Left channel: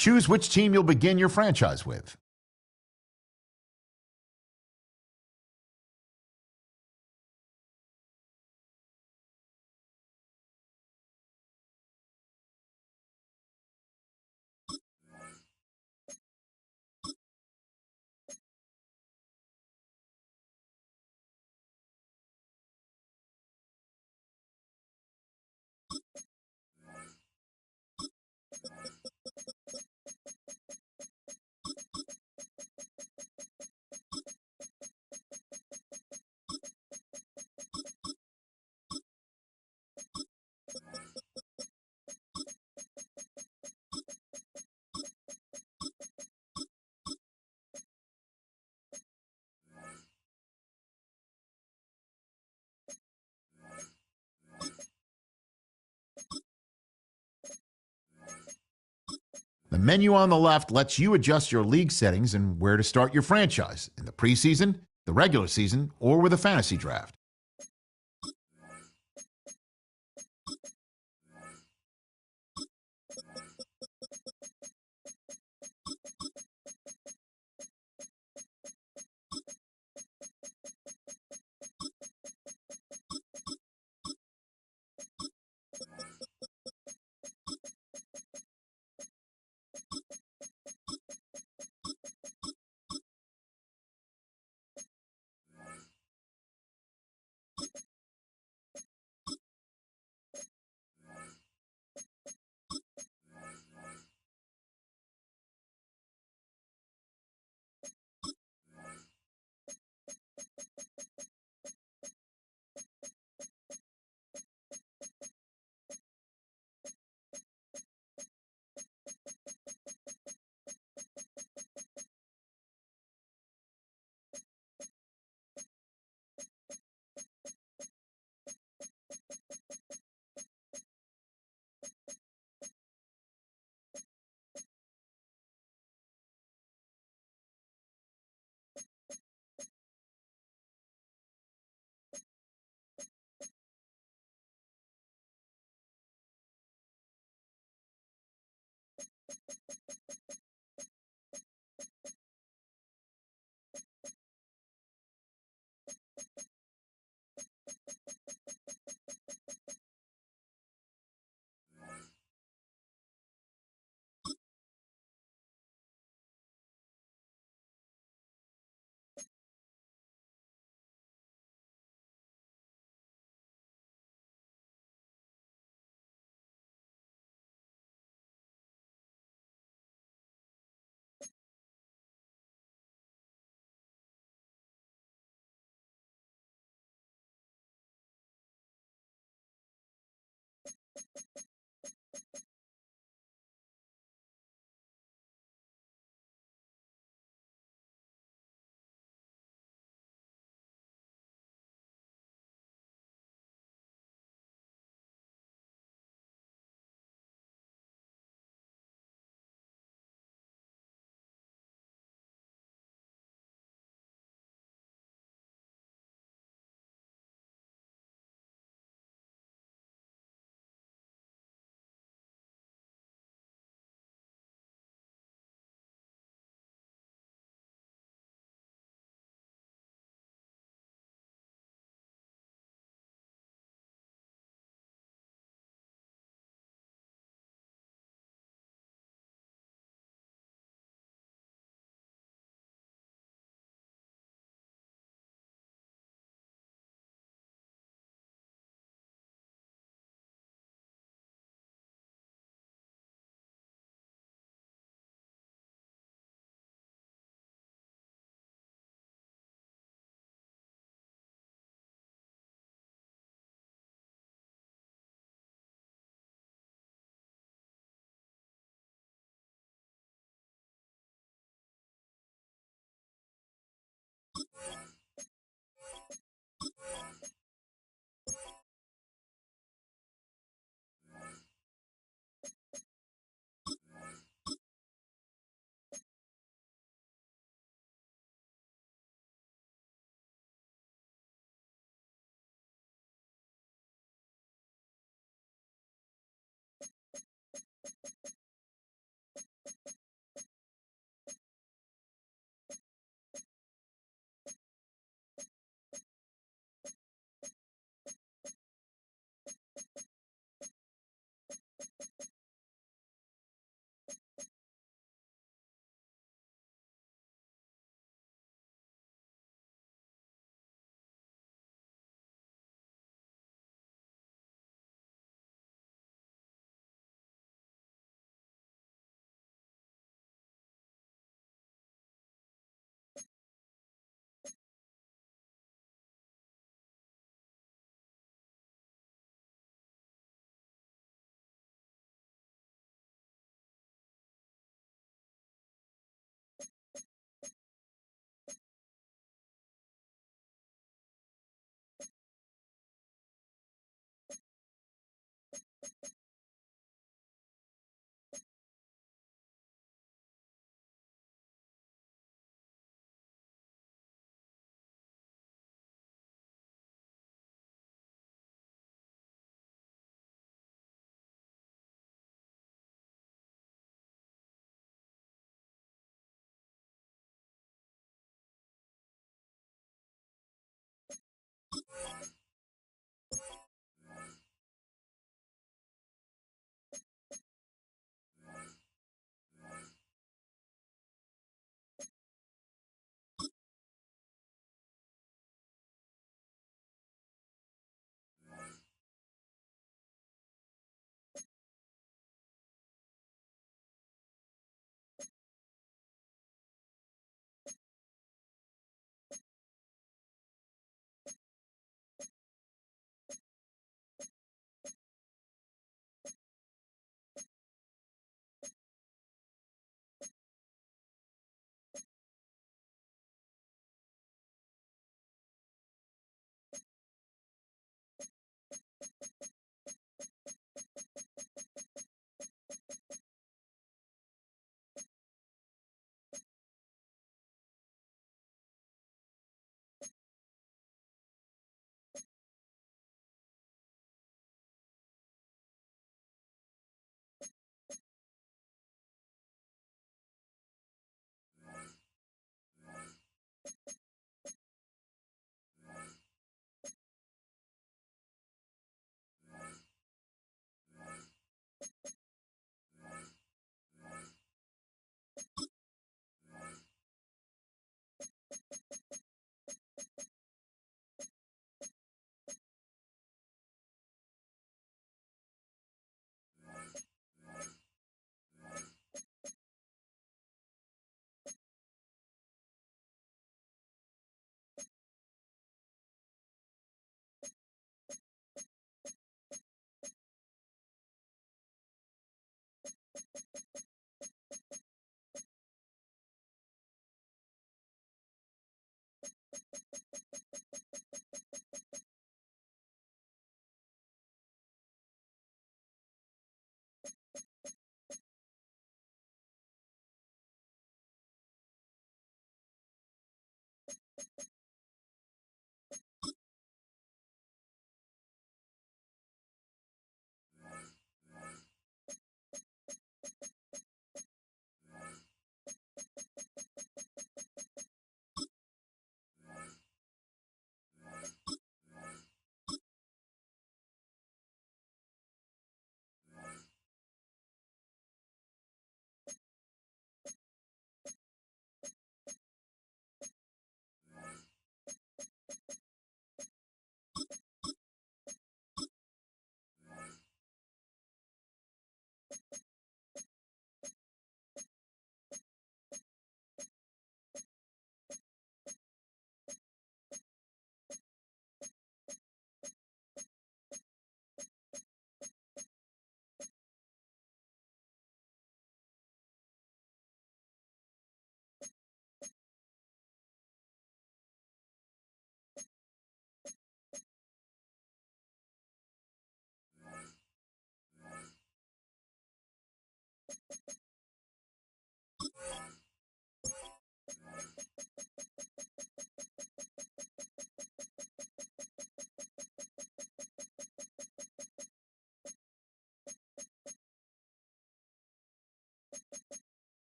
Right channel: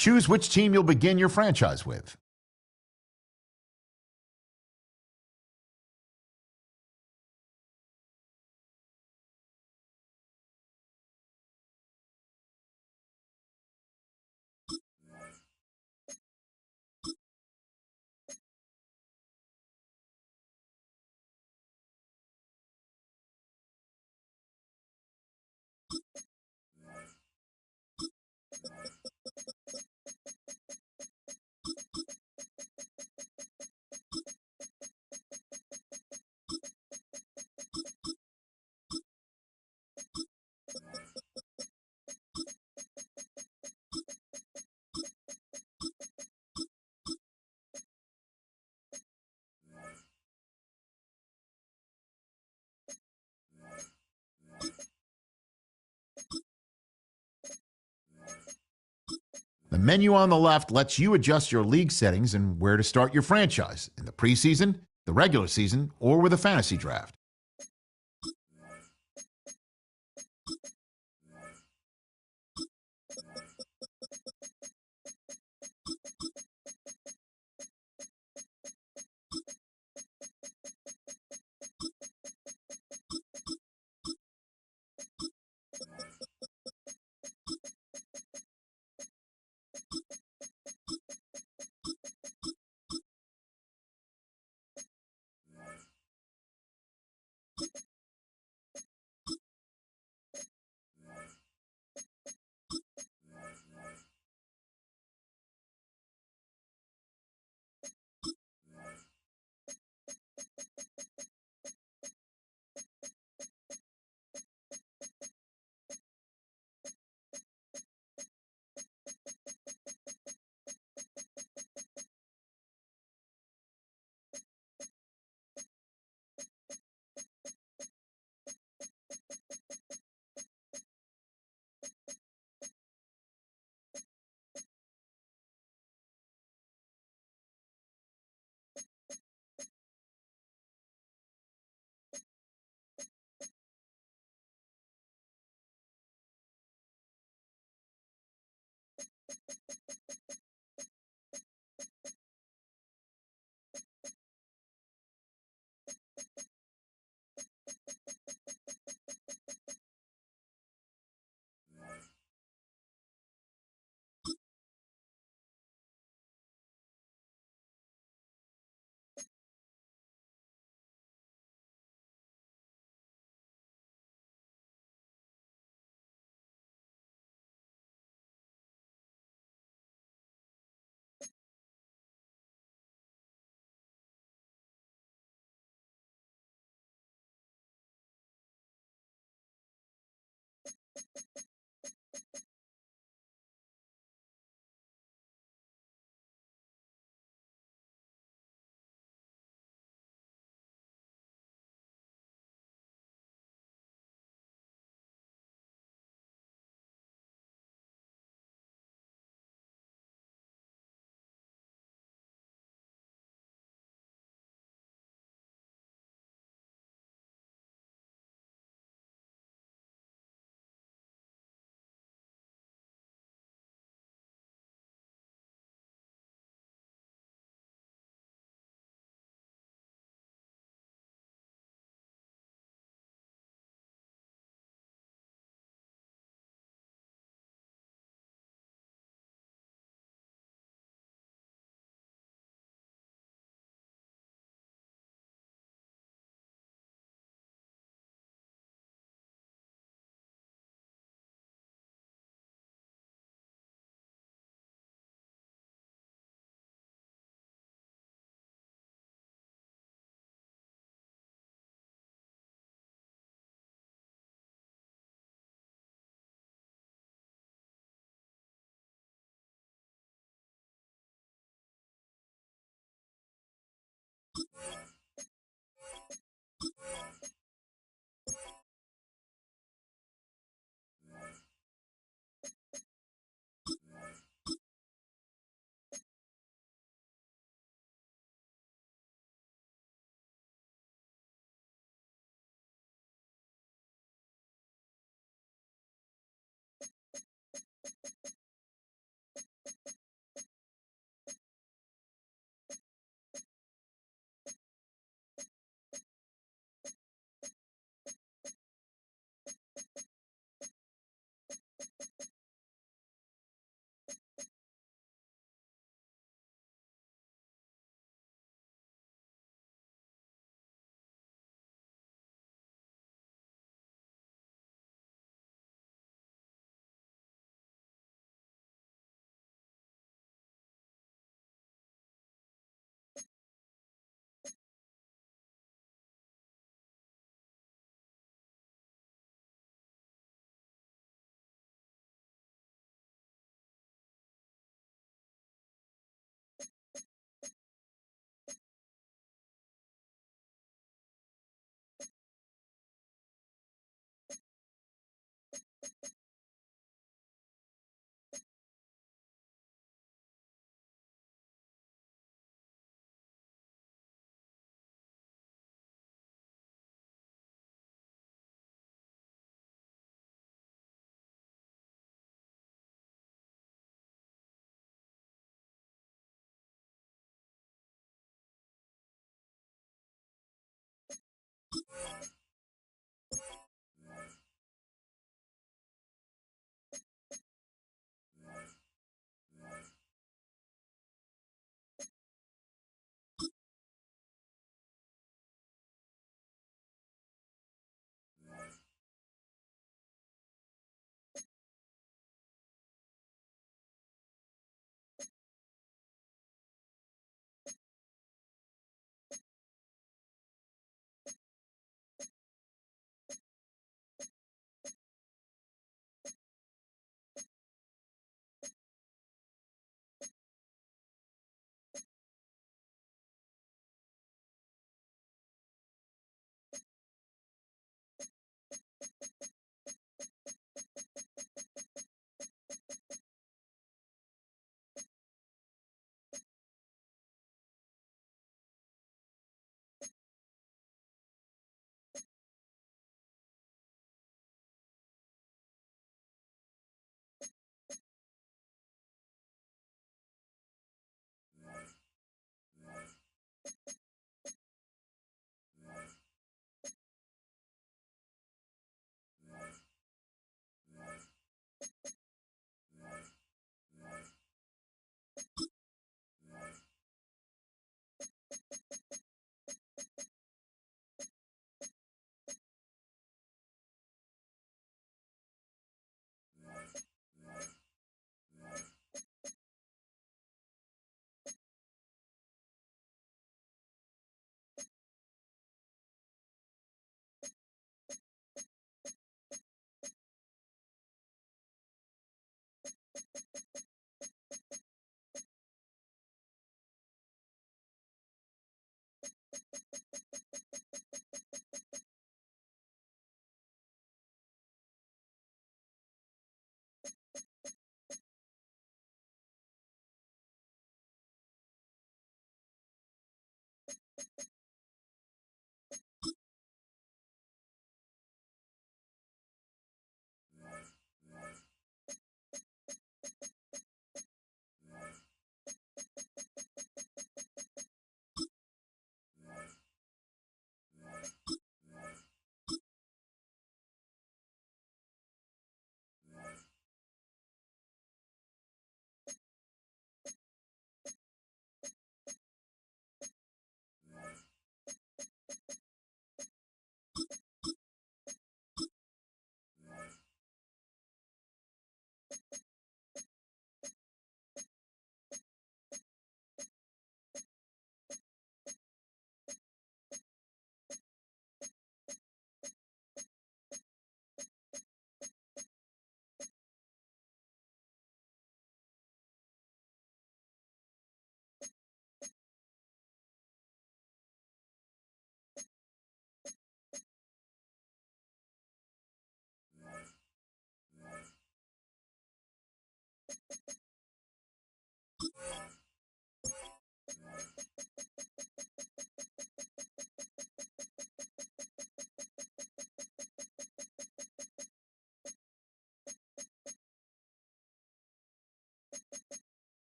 Choose which team you'll begin your franchise with. The menu on the left lets you adjust your league settings and where to start your franchise in the preseason, the regular season, or with a fantasy draft.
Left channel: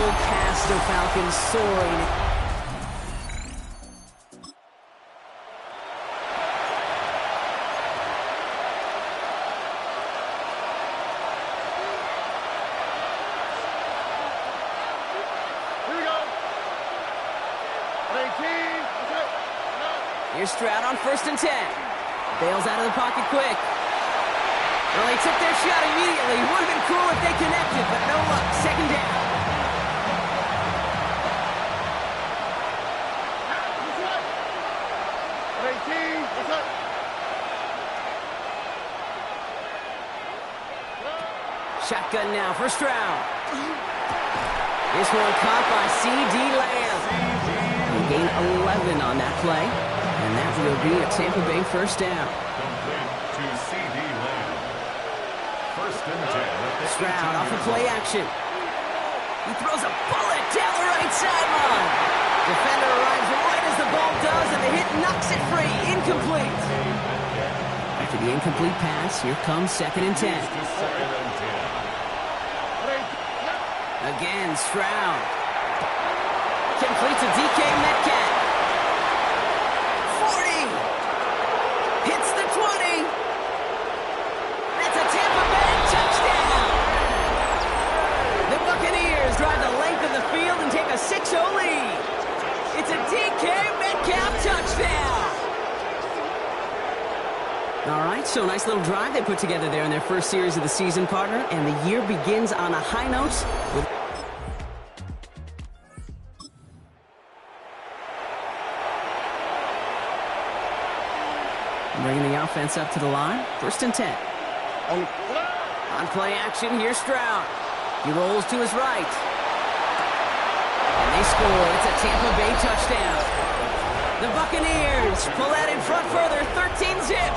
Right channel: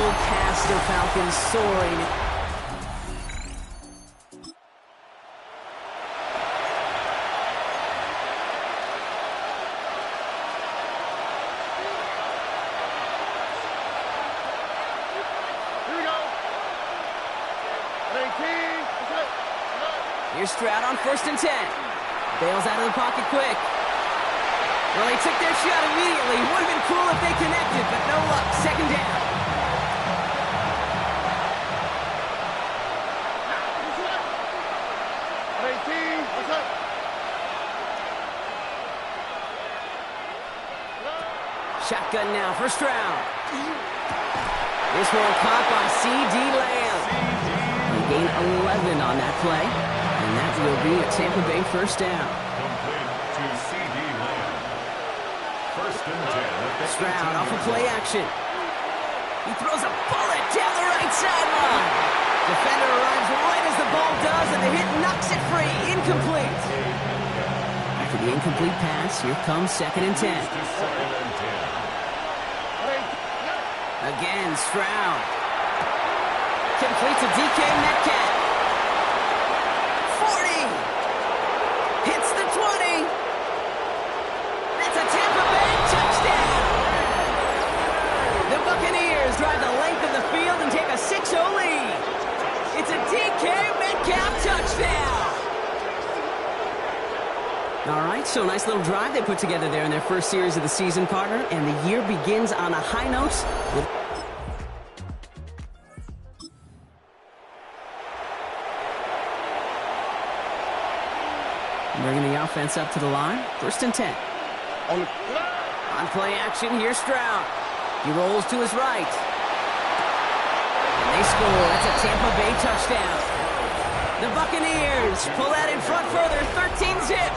Full cast of Falcons soaring. Here we go. 18. Here's Stroud on 1st and 10. Bails out of the pocket quick. Well, they took their shot immediately. Would have been cool if they connected, but no luck. 2nd down. Shotgun now for Stroud. This one caught by C.D. Lamb. He gained 11 on that play, and that will be a Tampa Bay 1st down. Complete to C.D. Lamb. 1st and 10 at the Stroud off of play action. He throws a bullet down the right sideline. Defender arrives right as the ball does, and the hit knocks it free. Incomplete. After The incomplete pass. Here comes 2nd and 10. To second and 10. Again, Stroud. Complete to DK Metcalf. 40. Hits the 20. That's a Tampa Bay touchdown. The Buccaneers drive the length of the field and take a 6-0 lead. It's a DK Metcalf touchdown. All right, so nice little drive they put together there in their first series of the season, partner, and the year begins on a high note with... Bringing the offense up to the line. 1st and 10. On play action, here's Stroud. He rolls to his right. And they score. It's a Tampa Bay touchdown. The Buccaneers pull that in front further. 13-zip.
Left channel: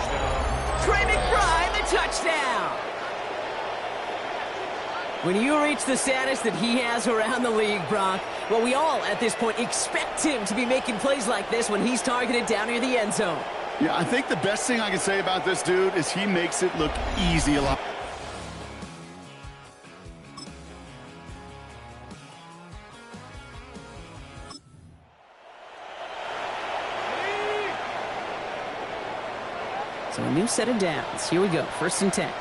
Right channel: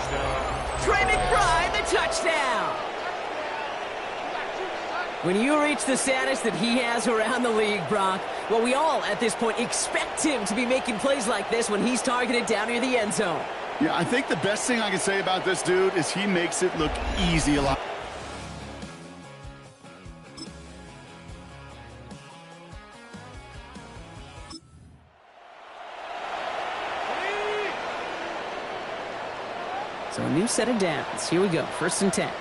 Trey McBride, the touchdown. When you reach the status that he has around the league, Brock, well, we all at this point expect him to be making plays like this when he's targeted down near the end zone. Yeah, I think the best thing I can say about this dude is he makes it look easy a lot. So a new set of downs. Here we go. 1st and 10.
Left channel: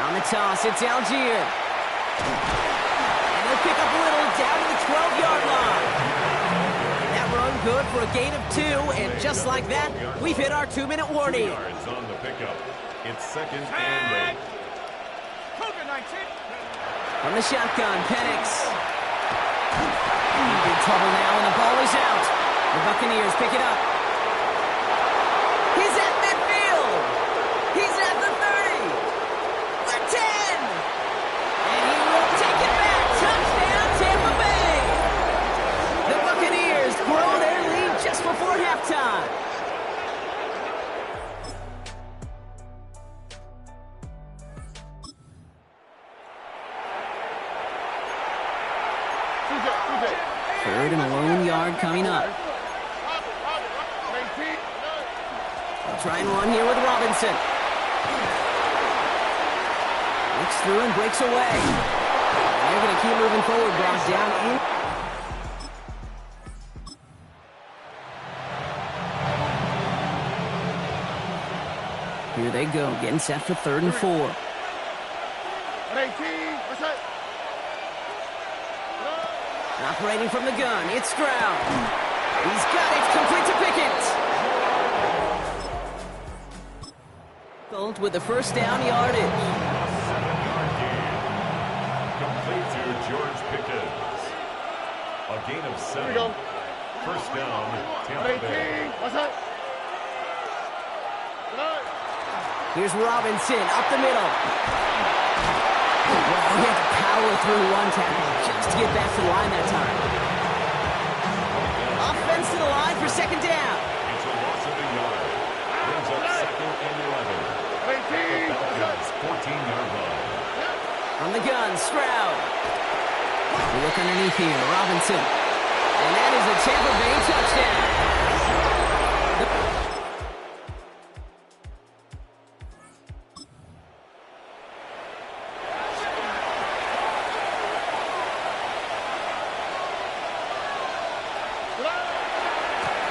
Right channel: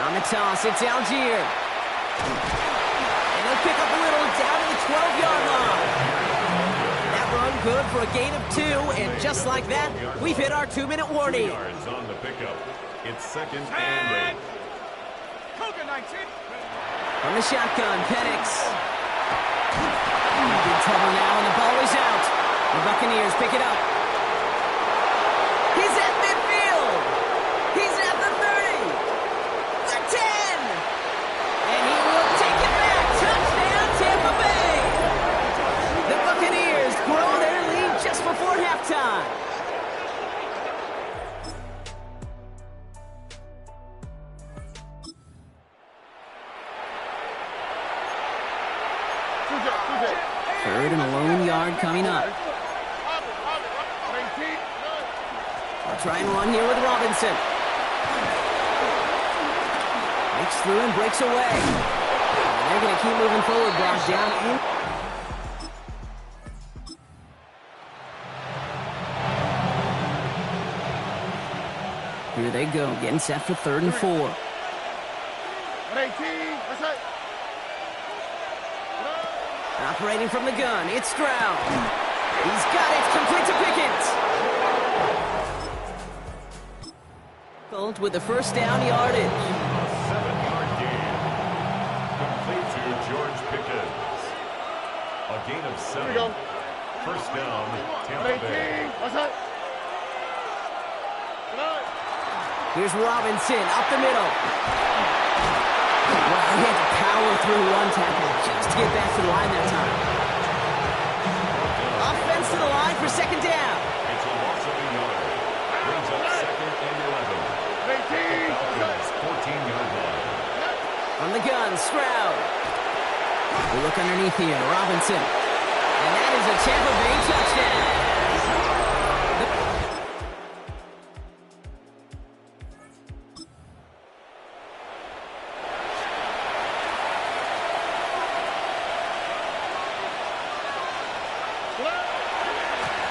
On the toss, it's Algier. And he'll pick up a little down to the 12-yard line. That run good for a gain of 2, and just like that, we've hit our 2-minute warning. 2 yards on the pickup. It's 2nd and 8. From the shotgun, Penix. In big trouble now, and the ball is out. The Buccaneers pick it up. He's at midfield. He's at the 30. The 10. And he will take it back. Touchdown, Tampa Bay. The Buccaneers grow their lead just before halftime. Third and a lone yard coming up. They'll try and run here with Robinson. Breaks through and breaks away. And they're going to keep moving forward, Brock, down in. Here they go, getting set for 3rd and 4. Operating from the gun, it's Stroud. He's got it, complete to Pickens. With the 1st down yardage. A 7-yard gain. Complete to George Pickens. A gain of 7. 1st down, Tampa Bay. Here's Robinson up the middle. Wow, he had to power through one tackle just to get back to the line that time. Offense to the line for 2nd down. It's a loss of a yard. Brings up 2nd and 11. The Falcons, 14-yard line. From the gun, Stroud. We look underneath here, Robinson. And that is a Tampa Bay touchdown.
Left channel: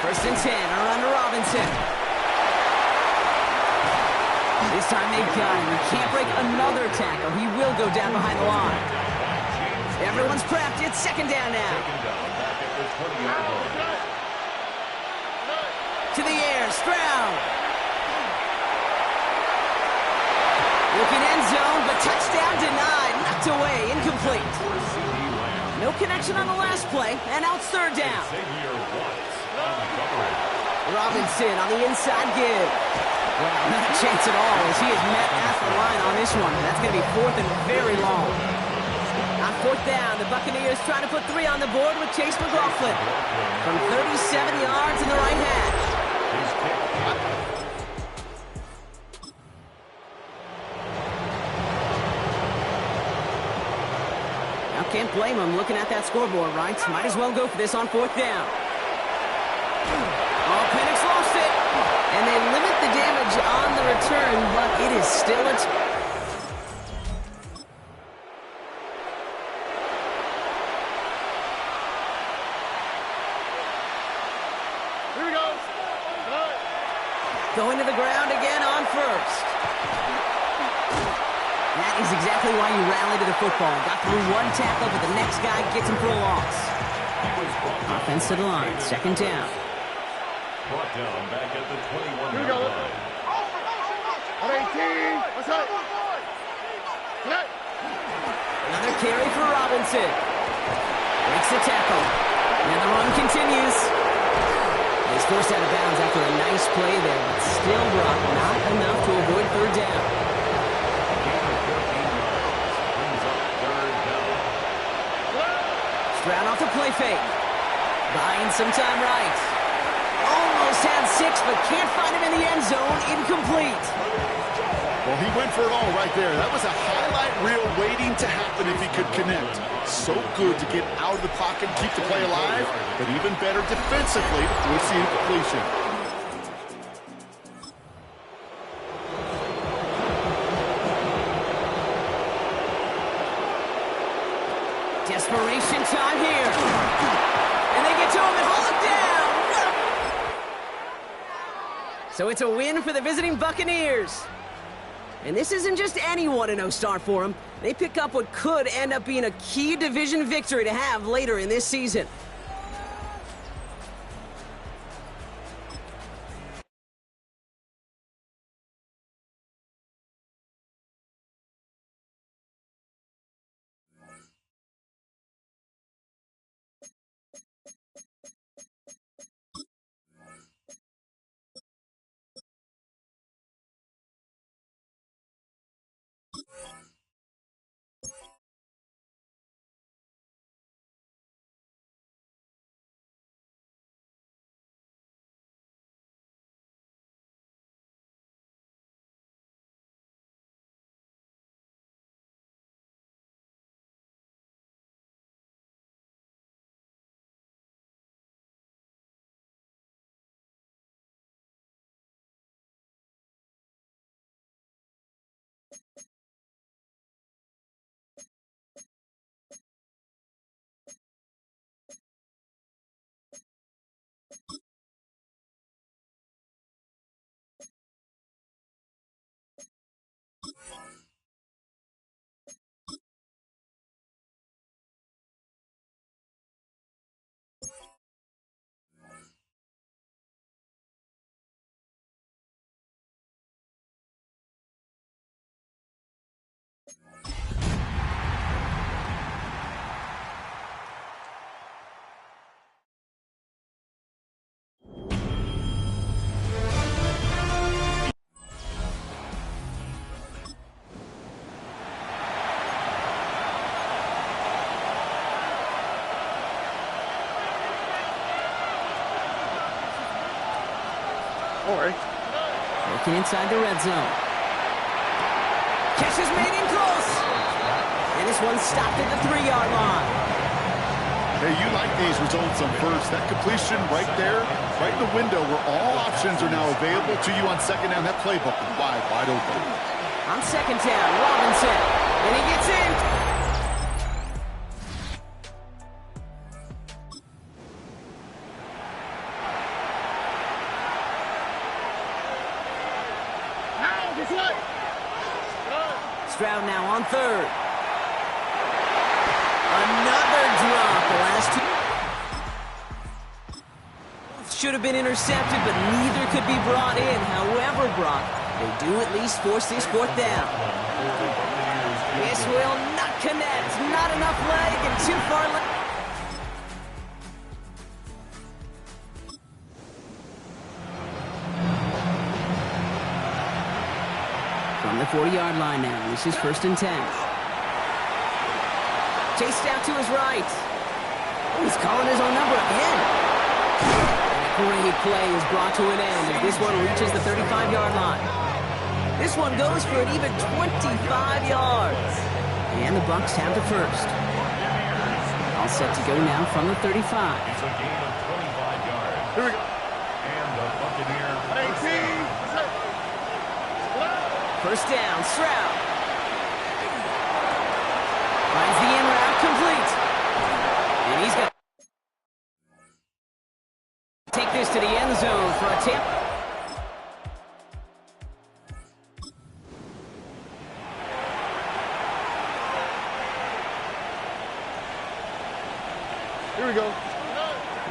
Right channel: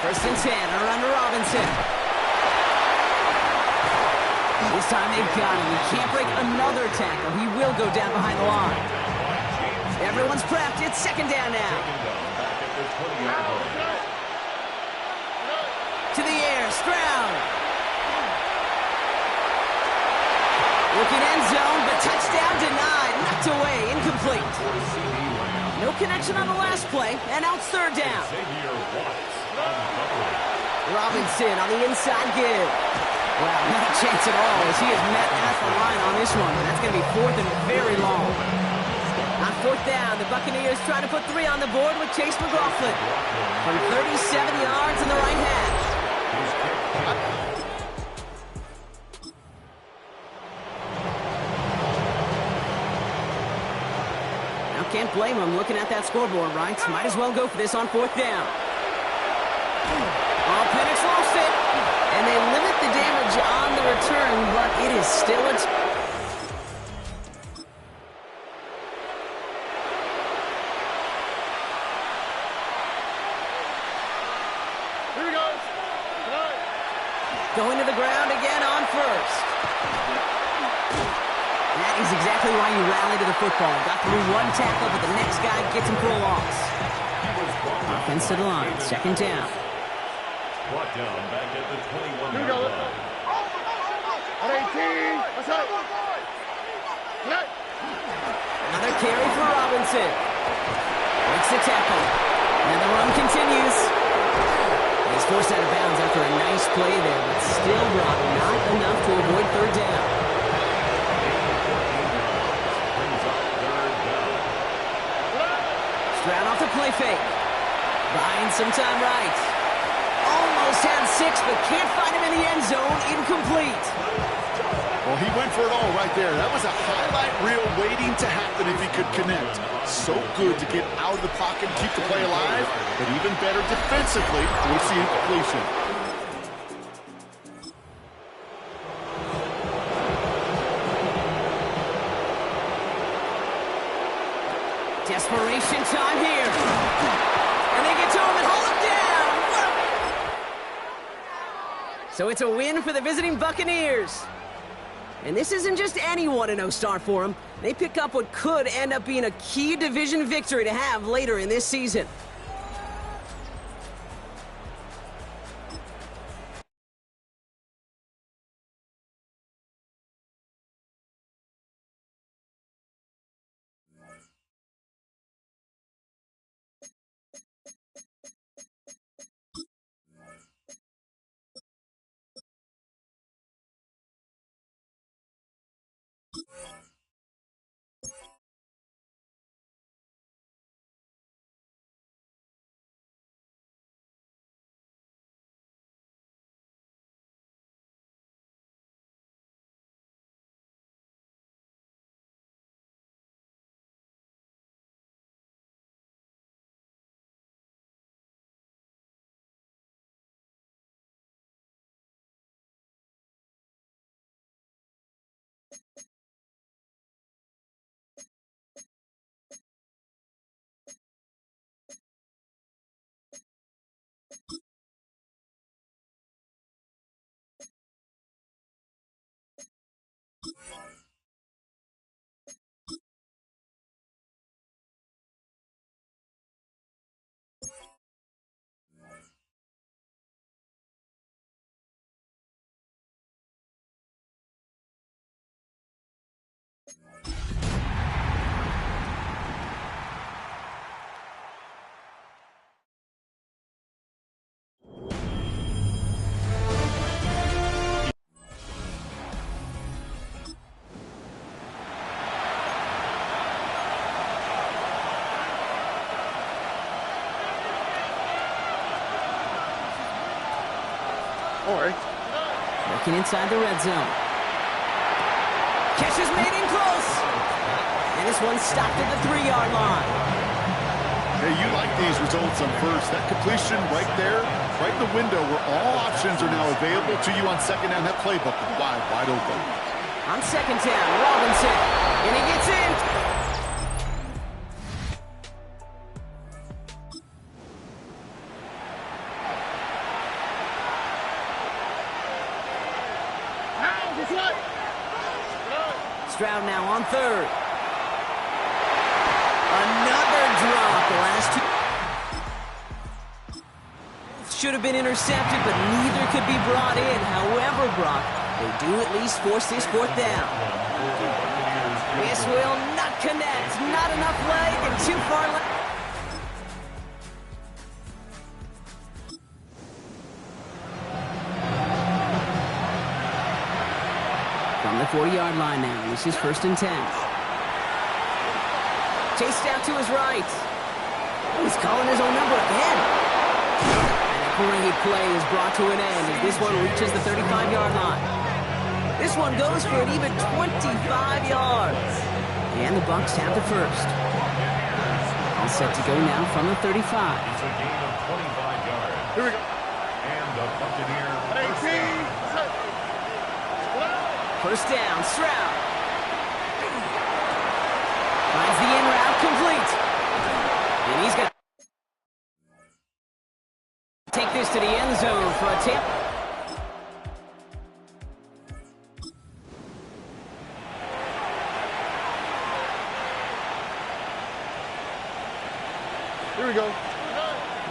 First and 10, around to Robinson. This time they've got him. He can't break another tackle. He will go down behind the line. Everyone's prepped. It's 2nd down now. Back at the 20-yard line. To the air, Stroud. Looking end zone, but touchdown denied. Knocked away, incomplete. For CD Lamb. No connection on the last play, and now it's 3rd down. Xavier Watts on the coverage. Robinson on the inside give. Wow, not a chance at all as he is met at the line on this one. That's going to be 4th and very long. On 4th down, the Buccaneers trying to put 3 on the board with Chase McLaughlin from 37 yards in the right hash. His kick in. Now can't blame him looking at that scoreboard, right? Might as well go for this on 4th down. Oh, Penix lost it. And they limit the damage on the return, but it is still a... Here we go. Going to the ground again on first. That is exactly why you rally to the football. Got through one tackle, but the next guy gets him for a loss. Offense to the line, second down. Brought down back at the 21-yard Here we go. line. On 18. What's up? Another carry for Robinson. Breaks the tackle. And the run continues. He's forced out of bounds after a nice play there, but still brought not enough to avoid third down. A gain of 14 yards brings up third down. Stroud off the play fake. Buying some time right. Almost had 6, but can't find him in the end zone. Incomplete. Well, he went for it all right there. That was a highlight reel waiting to happen if he could connect. So good to get out of the pocket and keep the play alive, but even better defensively to force the incompletion. Desperation time here. And they get to him and hold him down. So it's a win for the visiting Buccaneers. And this isn't just any 1-0 start for them. They pick up what could end up being a key division victory to have later in this season. Working inside the red zone. Catch is made in close. And this one stopped at the 3-yard line. Hey, you like these results on first. That completion right there, right in the window where all options are now available to you on second down. That playbook is wide open. On second down, Robinson. And he gets in. Stroud now on third. Another drop. The last two should have been intercepted, but neither could be brought in. However, Brock, they do at least force this fourth down. This will not connect. Not enough leg and too far left. From the 40-yard line now, this is 1st and 10. Chased out to his right. He's calling his own number again. And a great play is brought to an end as this one reaches the 35-yard line. This one goes for an even 25 yards. And the Bucs have the first. All set to go now from the 35. It's a gain of 25 yards. Here we go. And the Buccaneer first down, Stroud. Finds the in route, complete. And he's going to take this to the end zone for a tip. Here we go.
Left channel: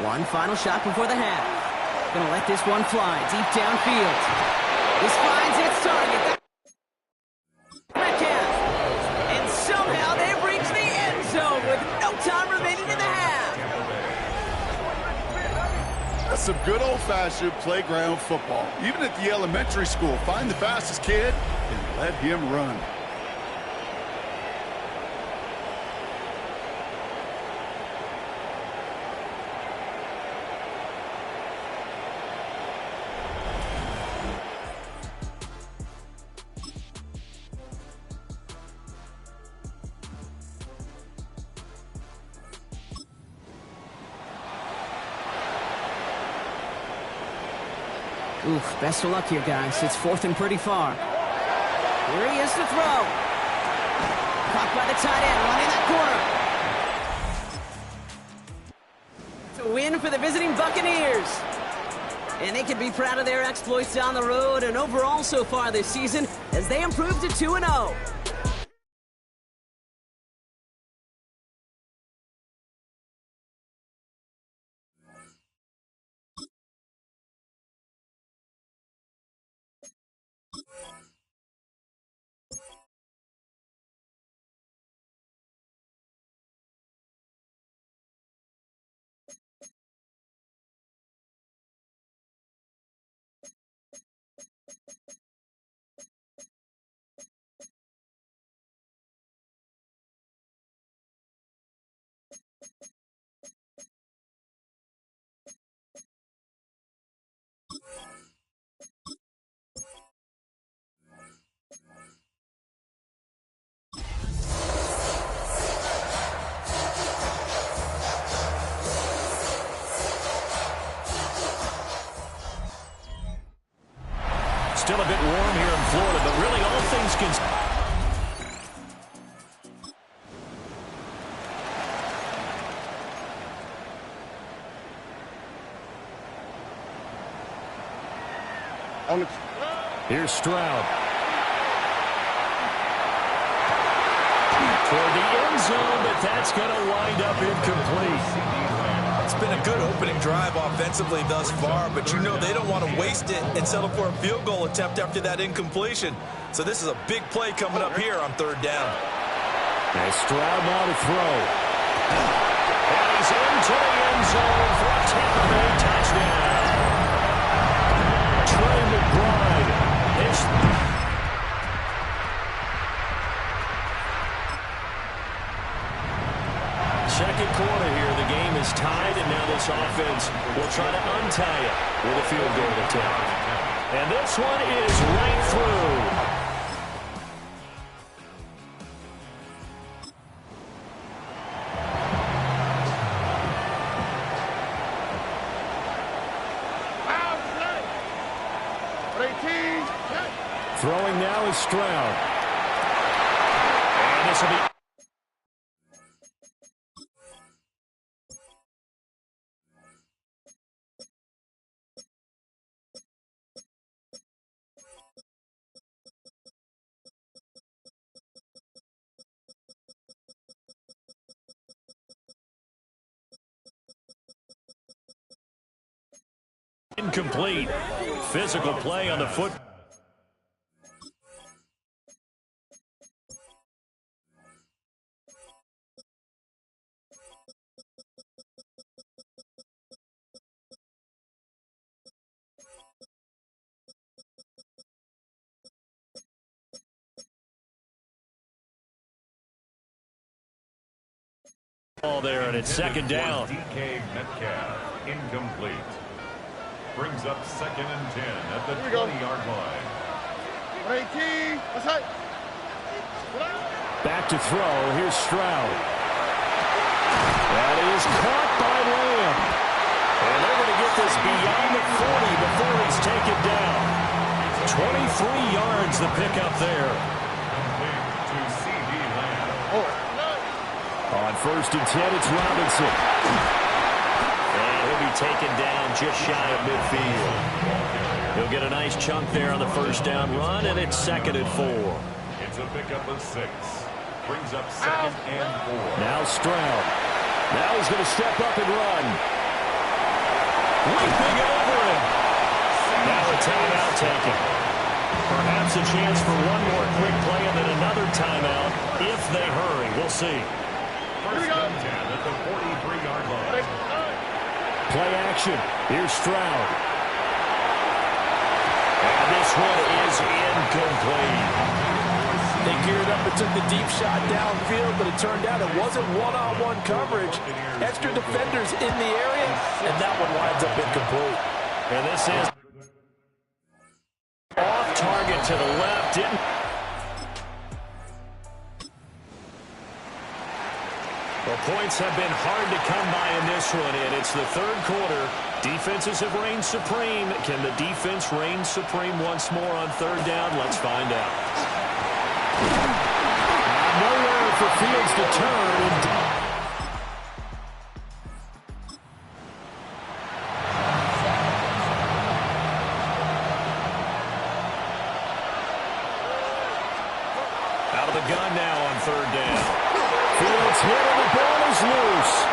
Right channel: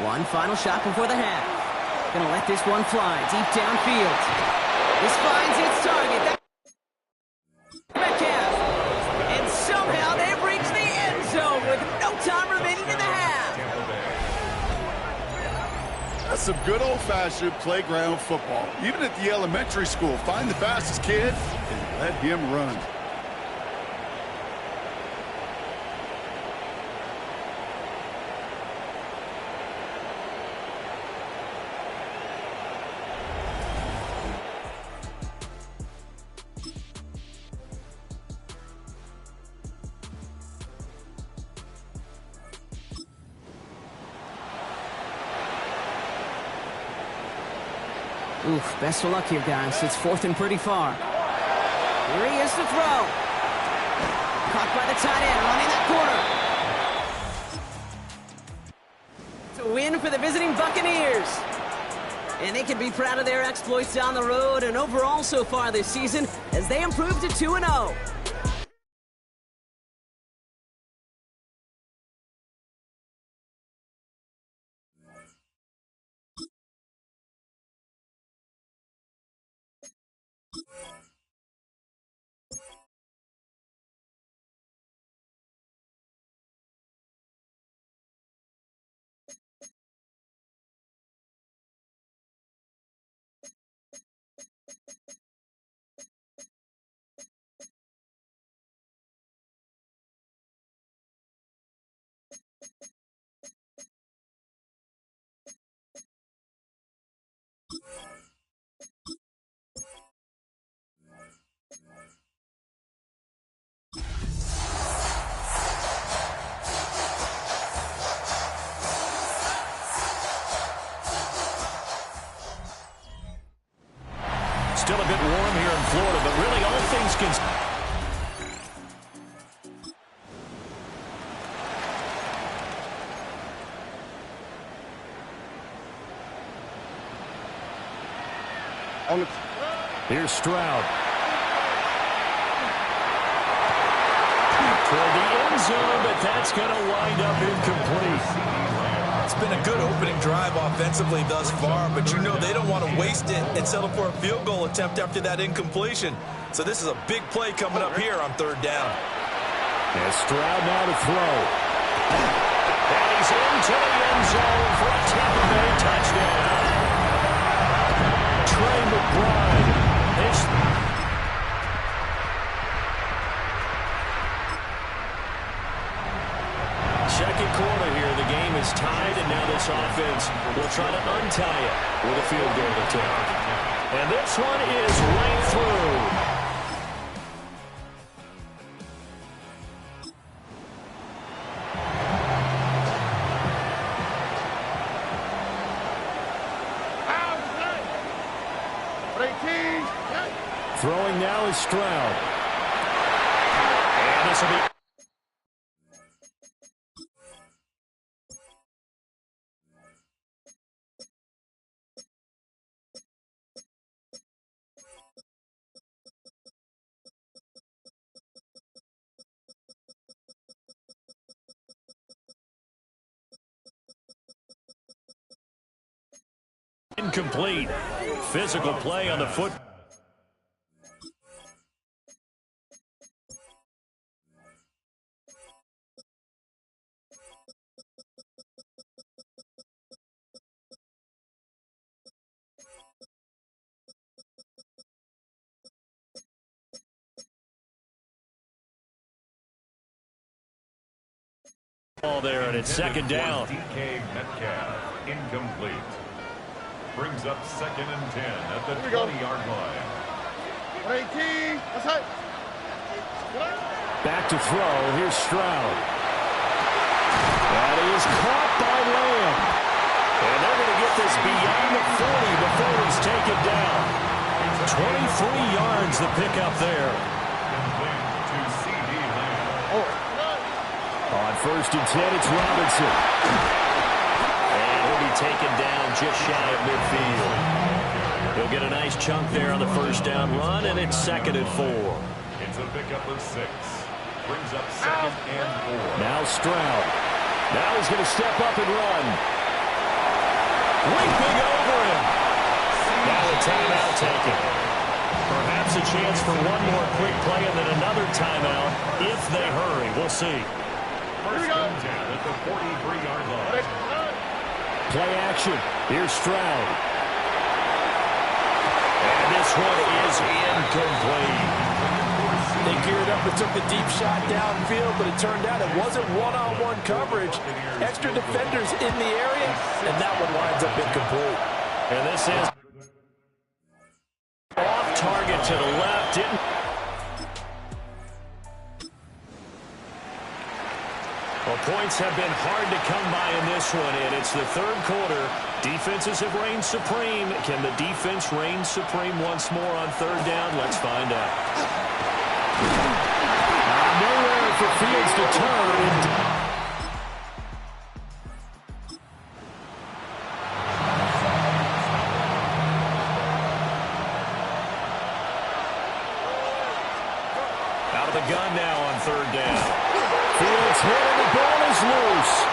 One final shot before the half. Gonna let this one fly deep downfield. This finds its target. Metcalf. And somehow they've reached the end zone with no time remaining in the half. That's some good old-fashioned playground football. Even at the elementary school, find the fastest kid and let him run. Oof, best of luck here, guys. It's fourth and pretty far. Here he is to throw. Caught by the tight end, running that corner. It's a win for the visiting Buccaneers. And they can be proud of their exploits down the road and overall so far this season as they improve to 2-0. Still a bit warm here in Florida, but really all things considered. Here's Stroud. Toward the end zone, but that's going to wind up incomplete. It's been a good opening drive offensively thus far, but you know they don't want to waste it and settle for a field goal attempt after that incompletion. So this is a big play coming up here on third down. And Stroud now to throw. And he's into the end zone for a Tampa Bay touchdown. Trey McBride. Second quarter here, the game is tied, and now this offense will try to untie it with a field goal attempt. And this one is right through. Throwing now is Stroud. And this will be... incomplete. Physical play on the foot. Ball there, and it's second down. DK Metcalf, incomplete. Brings up 2nd and 10 at the 20-yard line. 18. Back to throw. Here's Stroud. That is caught by Lamb. And they're going to get this beyond the 40 before he's taken down. 23 yards the pickup there. Complete to C.D. Lamb. On 1st and 10, it's Robinson. And he'll be taken down just shy of midfield. He'll get a nice chunk there on the first down run, and it's 2nd and 4. It's a pickup of 6. Brings up 2nd and 4. Now Stroud. Now he's going to step up and run. Leaping over him. Now a timeout taken. Perhaps a chance for one more quick play and then another timeout if they hurry. We'll see. 1st and 10 at the 43-yard line. Play action. Here's Stroud. And this one is incomplete. They geared up and took the deep shot downfield, but it turned out it wasn't one-on-one coverage. Extra defenders in the area, and that one winds up incomplete. And this is off target to the left. Didn't. Well, points have been hard to come by in this one, and it's the 3rd quarter. Defenses have reigned supreme. Can the defense reign supreme once more on 3rd down? Let's find out. Nowhere for Fields to turn. Out of the gun now on 3rd down. Fields hit and the ball is loose.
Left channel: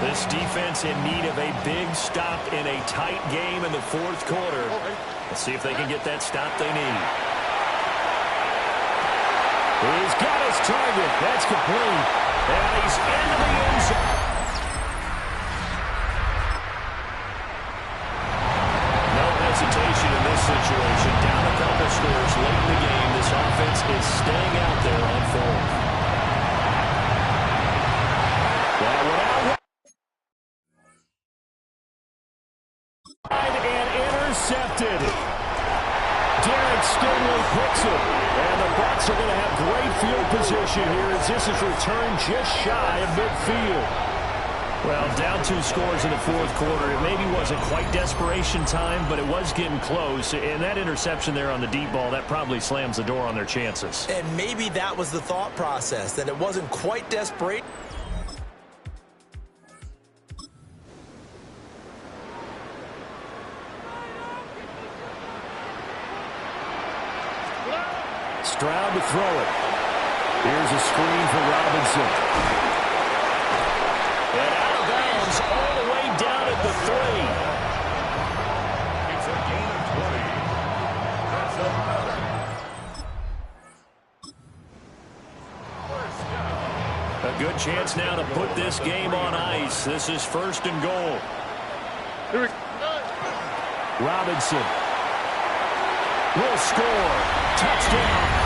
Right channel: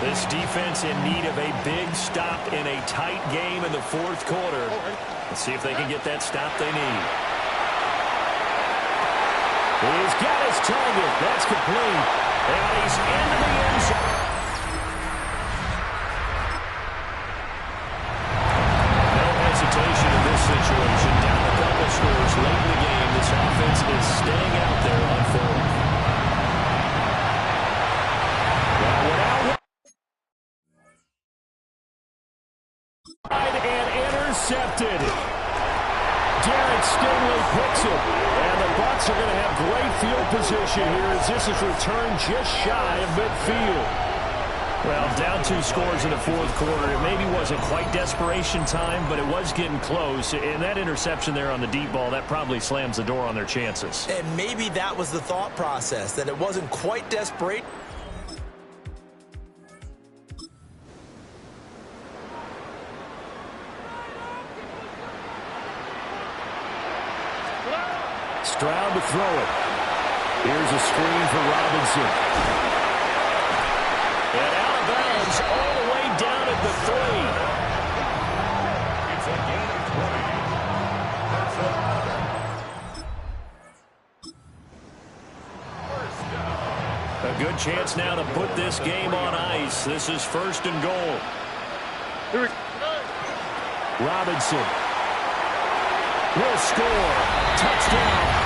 This defense in need of a big stop in a tight game in the 4th quarter. Let's see if they can get that stop they need. He's got his target. That's complete. And he's into the end zone. No hesitation in this situation. Down a couple scores late in the game. This offense is staying out there on 4th. Well, without and intercepted. Derek Stingley picks it. And the Bucs are going to have great field position here as this is returned just shy of midfield. Well, down 2 scores in the 4th quarter. It maybe wasn't quite desperation time, but it was getting close. And that interception there on the deep ball, that probably slams the door on their chances. And maybe that was the thought process, that it wasn't quite desperate. Stroud to throw it. Here's a screen for Robinson. And out of bounds all the way down at the 3. It's a gain of 20. That's another. 1st down. A good chance now to put this game on ice. This is 1st and goal. Robinson will score. Touchdown.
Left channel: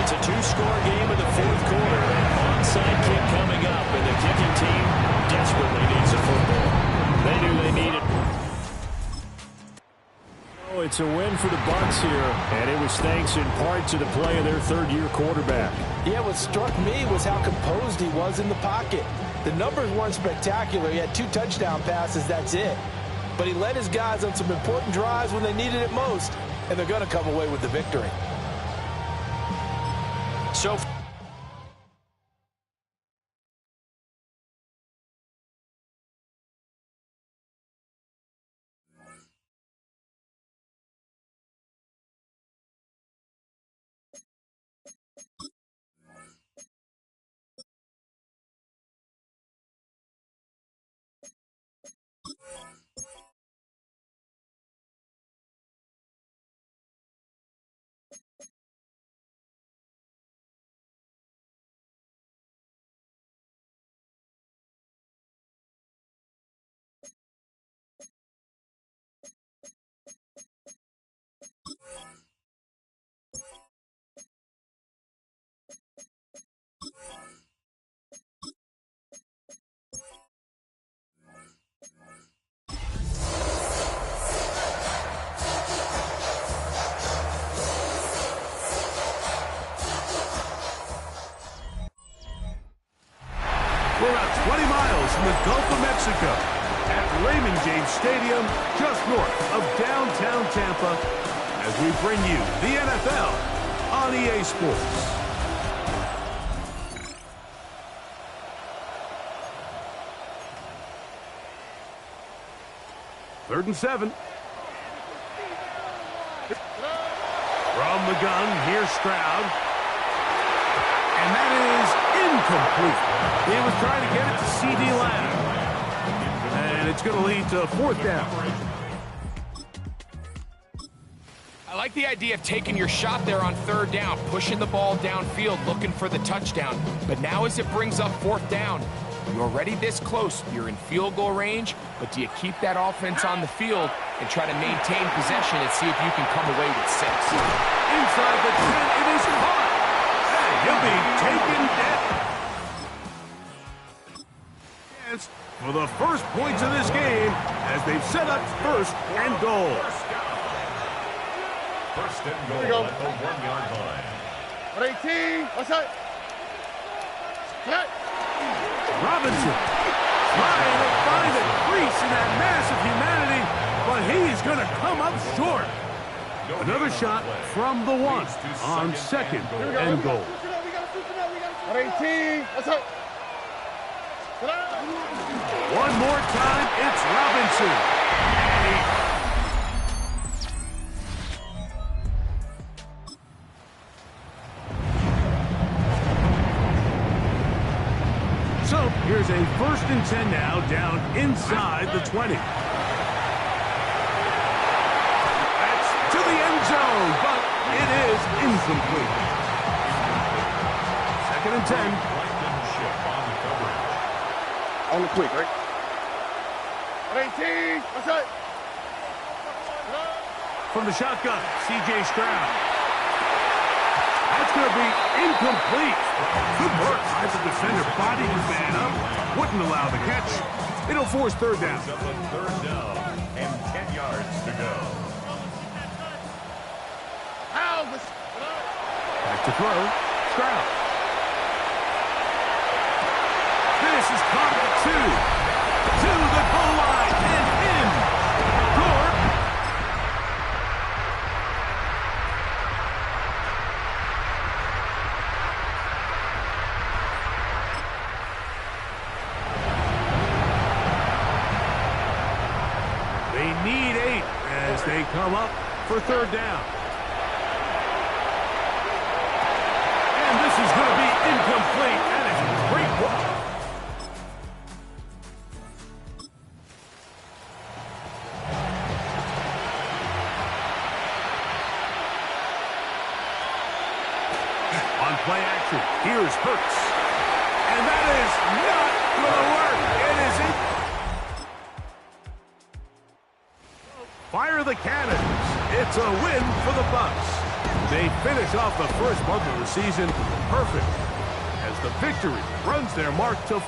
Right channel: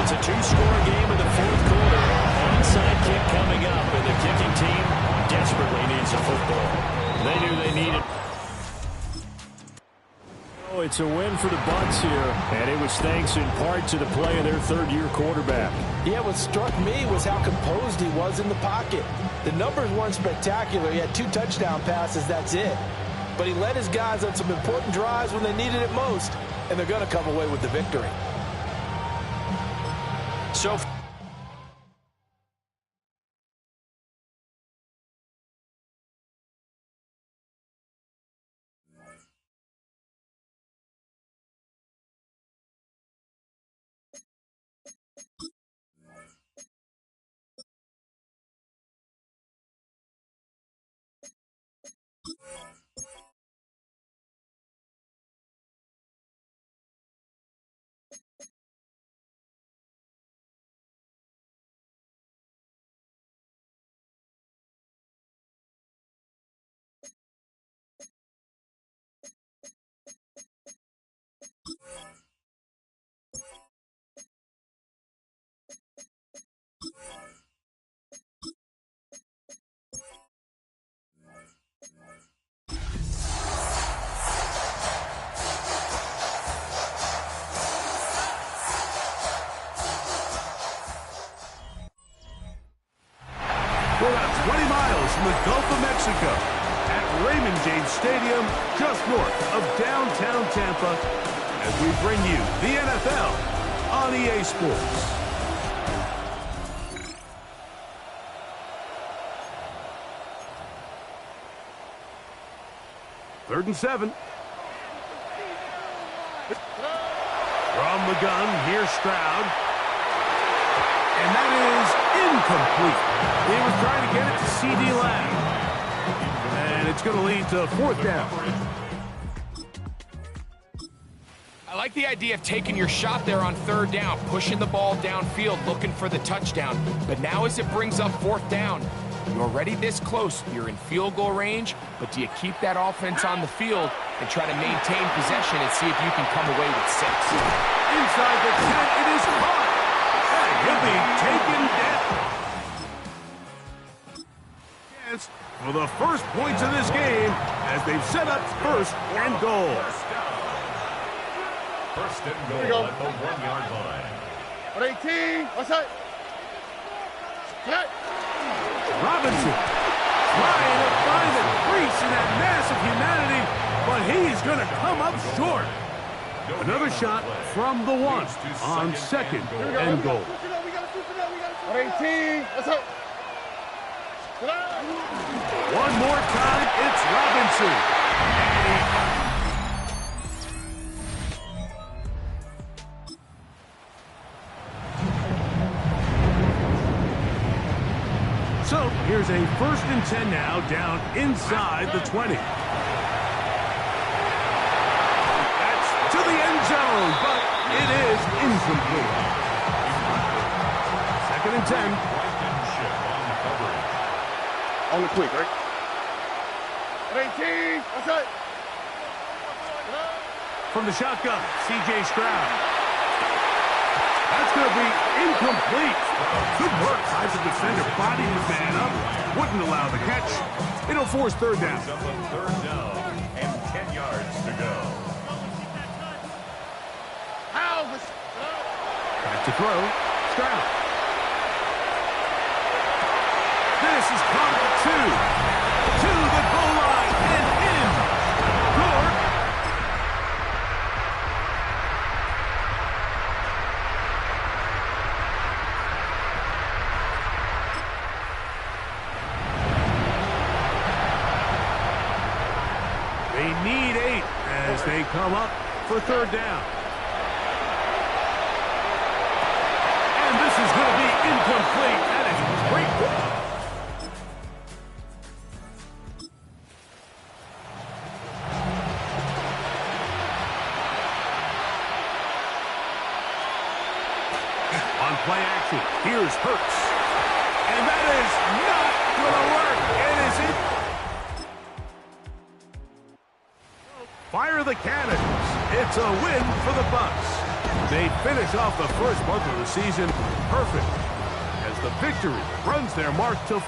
It's a 2-score game in the 4th quarter. Onside kick coming up, and the kicking team desperately needs a football. They knew they needed. Oh, it's a win for the Bucs here, and it was thanks in part to the play of their 3rd-year quarterback. Yeah, what struck me was how composed he was in the pocket. The numbers weren't spectacular. He had 2 touchdown passes, that's it. But he led his guys on some important drives when they needed it most, and they're going to come away with the victory. So We're about 20 miles from the Gulf of Mexico at Raymond James Stadium, just north of downtown Tampa, as we bring you the NFL on EA Sports. Third and 7. From the gun, here's Stroud. And that is incomplete. He was trying to get it to C.D. Lamb. And it's going to lead to 4th down. I like the idea of taking your shot there on 3rd down, pushing the ball downfield, looking for the touchdown. But now as it brings up 4th down, you're already this close. You're in field goal range, but do you keep that offense on the field and try to maintain possession and see if you can come away with 6? Inside the 10, it is caught. And he'll be taken down. Yes, for the first points of this game as they've set up 1st and goal. First and goal at the 1-yard line. 18, what's that? Robinson trying to find a crease in that mass of humanity, but he's going to come up short. Another shot from the 1 on 2nd and goal. 18, what's that? One more time, it's Robinson. And so here's a 1st and 10 now, down inside the 20. That's to the end zone, but it is incomplete. 2nd and 10. Blankenship on the coverage. On the quick, right? 18, what's that? From the shotgun, C.J. Stroud. That's going to be incomplete. Good work by the defender. Bodied his man up. Wouldn't allow the catch. It'll force 3rd down. Up on 3rd down and 10 yards to go. Back to throw. Stroud. This is caught at the 2. To the goal line and in. Gore. They need 8 as they come up for 3rd down. And this is going to be incomplete. That is great work. On play action, here's Hurts. And that is not going to work. It isn't. Fire the cannons. It's a win for the Bucs. They finish off the first month of the season perfect as the victory runs their mark to...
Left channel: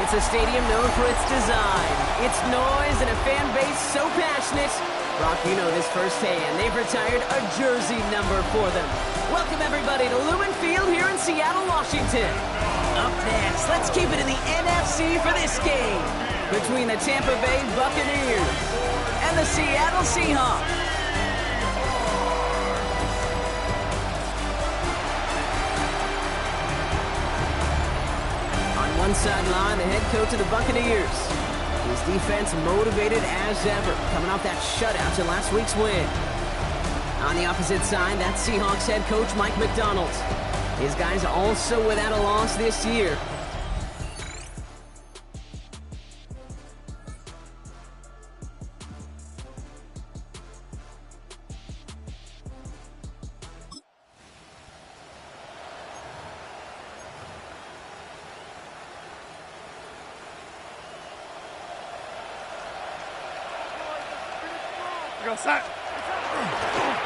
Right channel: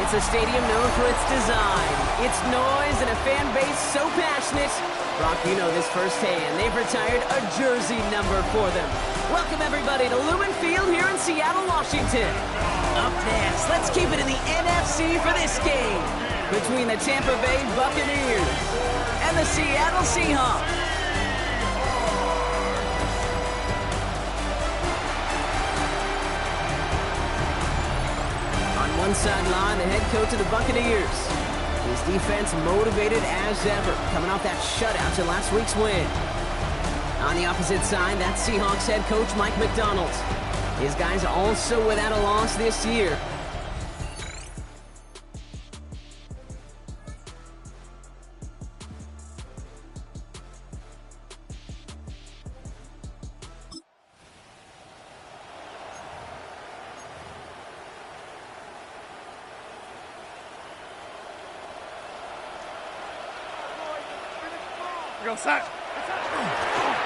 It's a stadium known for its design, its noise, and a fan base so passionate. Brock, you know this firsthand. They've retired a jersey number for them. Welcome, everybody, to Lumen Field here in Seattle, Washington. Up next, let's keep it in the NFC for this game between the Tampa Bay Buccaneers and the Seattle Seahawks. one sideline, the head coach of the Buccaneers. His defense motivated as ever, coming off that shutout in last week's win. On the opposite side, that's Seahawks head coach Mike McDonald. His guys also without a loss this year.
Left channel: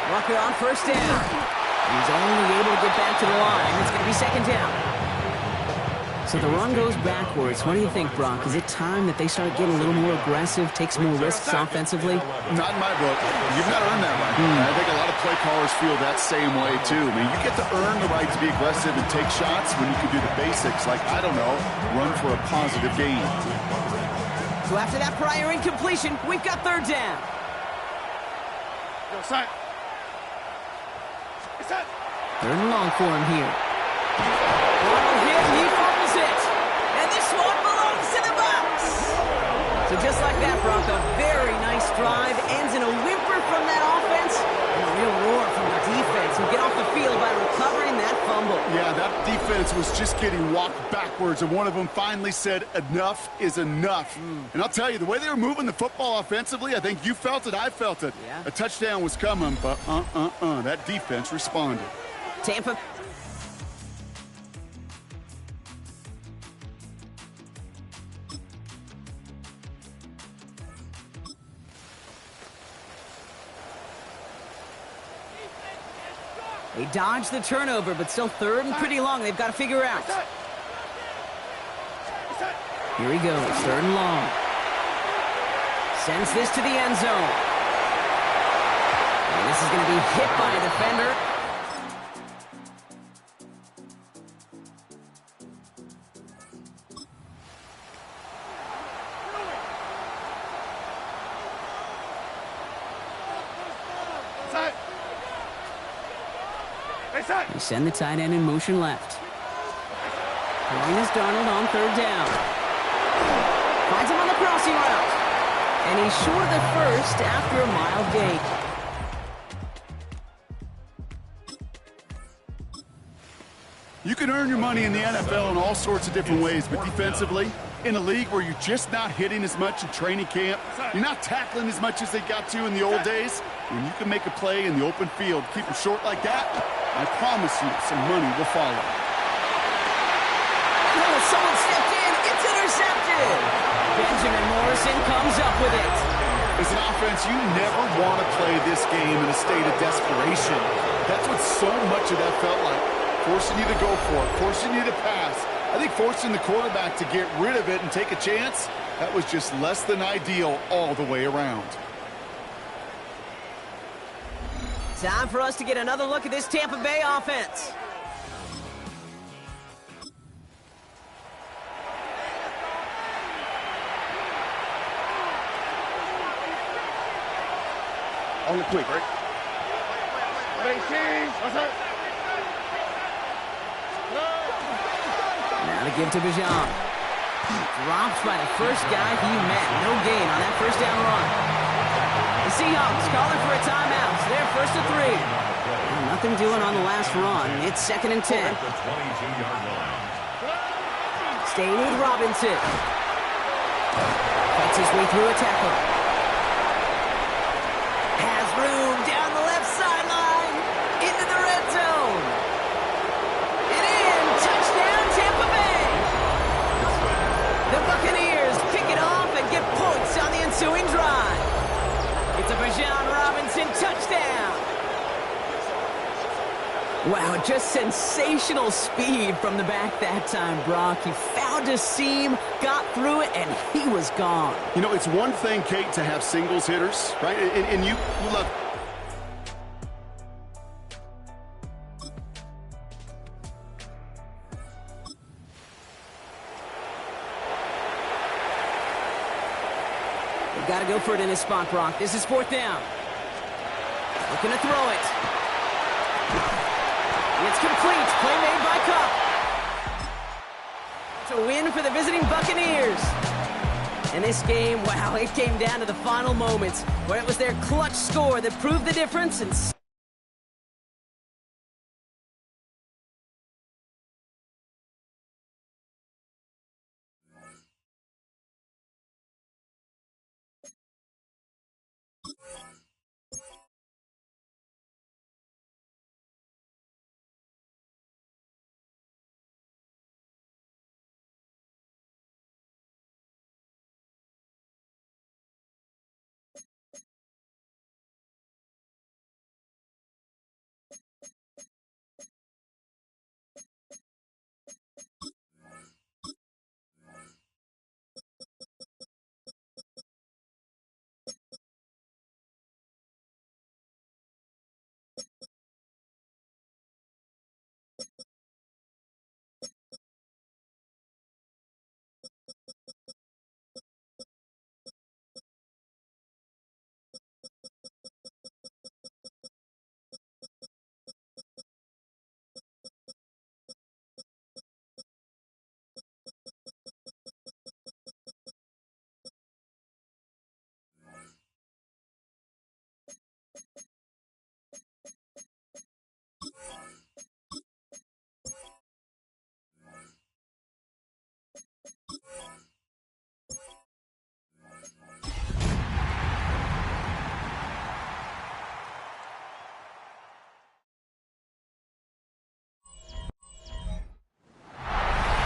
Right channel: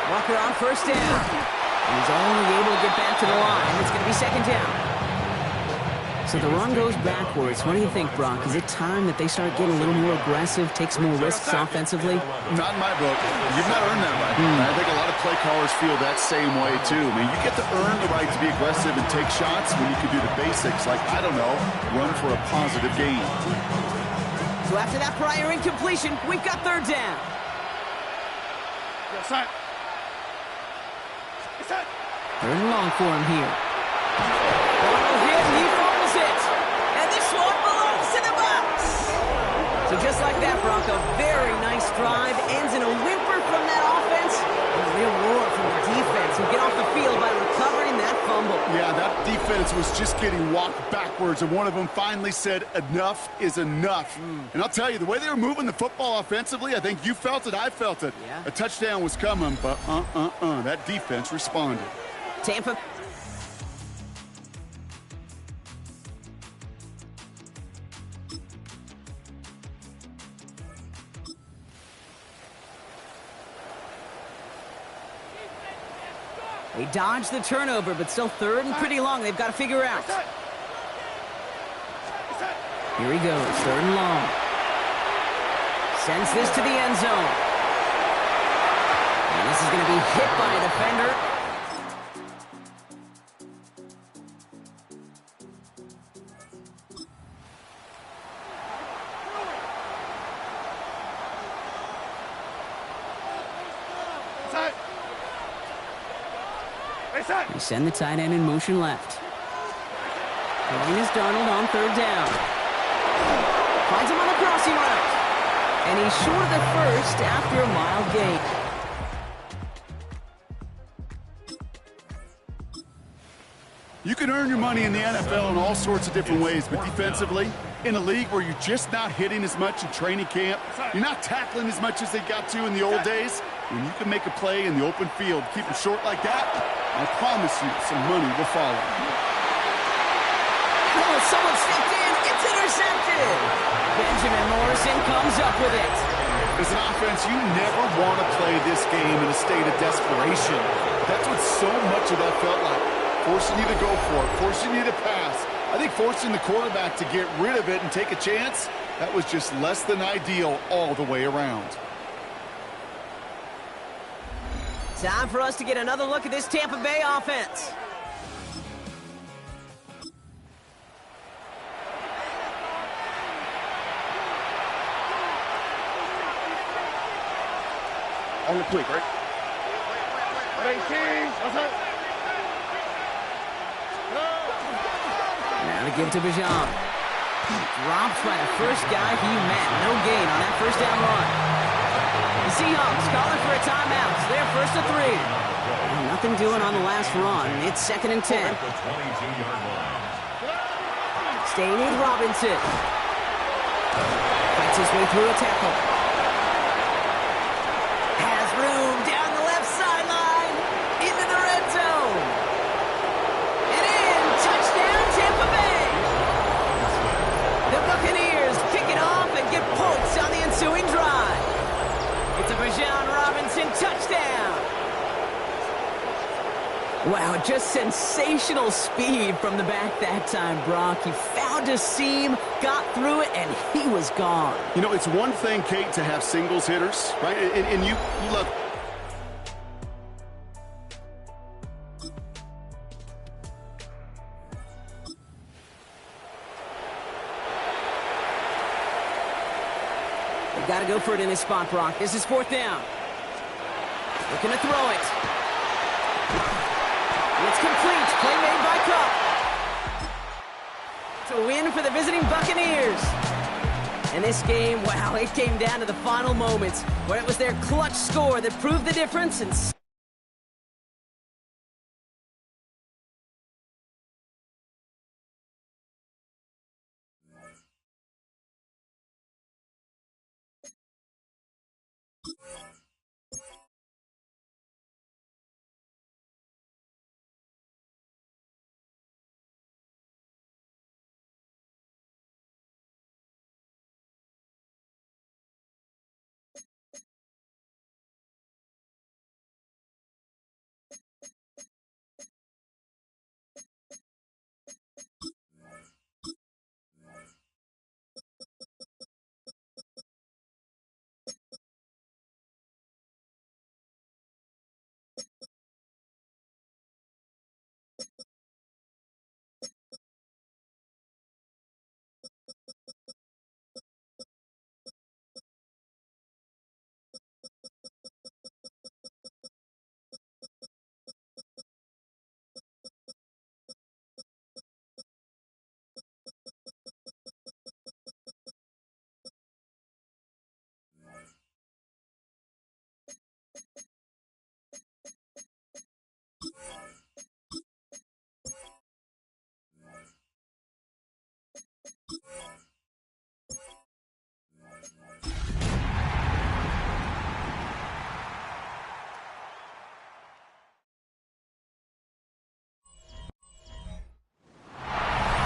Walker on first down. He's only able to get back to the line. It's going to be second down. So the run goes backwards. What do you think, Brock? Is it time that they start getting a little more aggressive, take some more risks offensively? Not in my book. You've not earned that right. I think a lot of play callers feel that same way, too. I mean, you get to earn the right to be aggressive and take shots when you can do the basics, like, I don't know, run for a positive gain. So after that prior incompletion, we've got third down. Third and long for him here. Arnold hit, he fumbles it. And this one belongs to the Bucs. So just like that, Brock, a very nice drive. Ends in a whimper from that offense. And a real roar from the defense who get off the field by recovering that fumble. Yeah, that defense was just getting walked backwards, and one of them finally said, enough is enough. And I'll tell you, the way they were moving the football offensively, I think you felt it, I felt it. Yeah. A touchdown was coming, but that defense responded. Tampa. They dodged the turnover, but still third and pretty long. They've got to figure out. Here he goes, third and long. Sends this to the end zone. And this is going to be hit by a defender. They send the tight end in motion left. Throwing is Darnold on third down. Finds him on the crossing route. And he's short of the first after a mild gain. You can earn your money in the NFL in all sorts of different ways, but defensively, in a league where you're just not hitting as much in training camp, you're not tackling as much as they got to in the old days, when you can make a play in the open field, keep it short like that, I promise you some money will follow. Oh, someone stepped in. It's intercepted. Benjamin Morrison comes up with it. As an offense, you never want to play this game in a state of desperation. That's what so much of that felt like. Forcing you to go for it, forcing you to pass. I think forcing the quarterback to get rid of it and take a chance, that was just less than ideal all the way around. Time for us to get another look at this Tampa Bay offense. On the quick, right? 18. What's up? Now to give to Bijan. Dropped by the first guy he met. No gain on that first down run. The Seahawks calling for a timeout. So they're first to 3. And nothing doing on the last run. It's second and 10. Staying with Robinson. Fights his way through a tackle. Has room down the left sideline. Into the red zone. And in. Touchdown, Tampa Bay. The Buccaneers pick it off and get points on the ensuing drive. It's a Bijan Robinson touchdown. Wow, just sensational speed from the back that time, Brock. He found a seam, got through it, and he was gone. You know, it's one thing, Kate, to have singles hitters, right? And you love... They've got to go for it in this spot, Brock. This is fourth down. Looking to throw it. It's complete. Play made by Kupp. a win for the visiting Buccaneers. And this game, wow, it came down to the final moments where it was their clutch score that proved the difference. And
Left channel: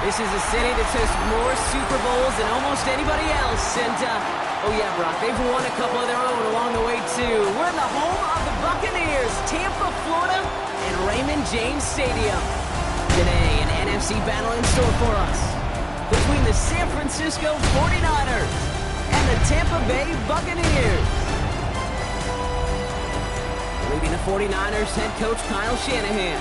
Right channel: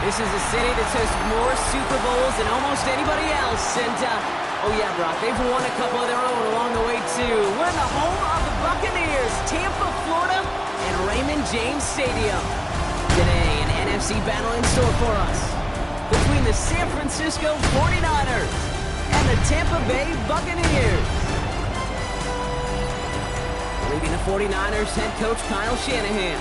this is a city that's hosted more Super Bowls than almost anybody else. And, oh yeah, Brock, they've won a couple of their own along the way, too. We're in the home of the Buccaneers, Tampa, Florida, and Raymond James Stadium. Today, an NFC battle in store for us between the San Francisco 49ers and the Tampa Bay Buccaneers. Leading the 49ers, head coach Kyle Shanahan.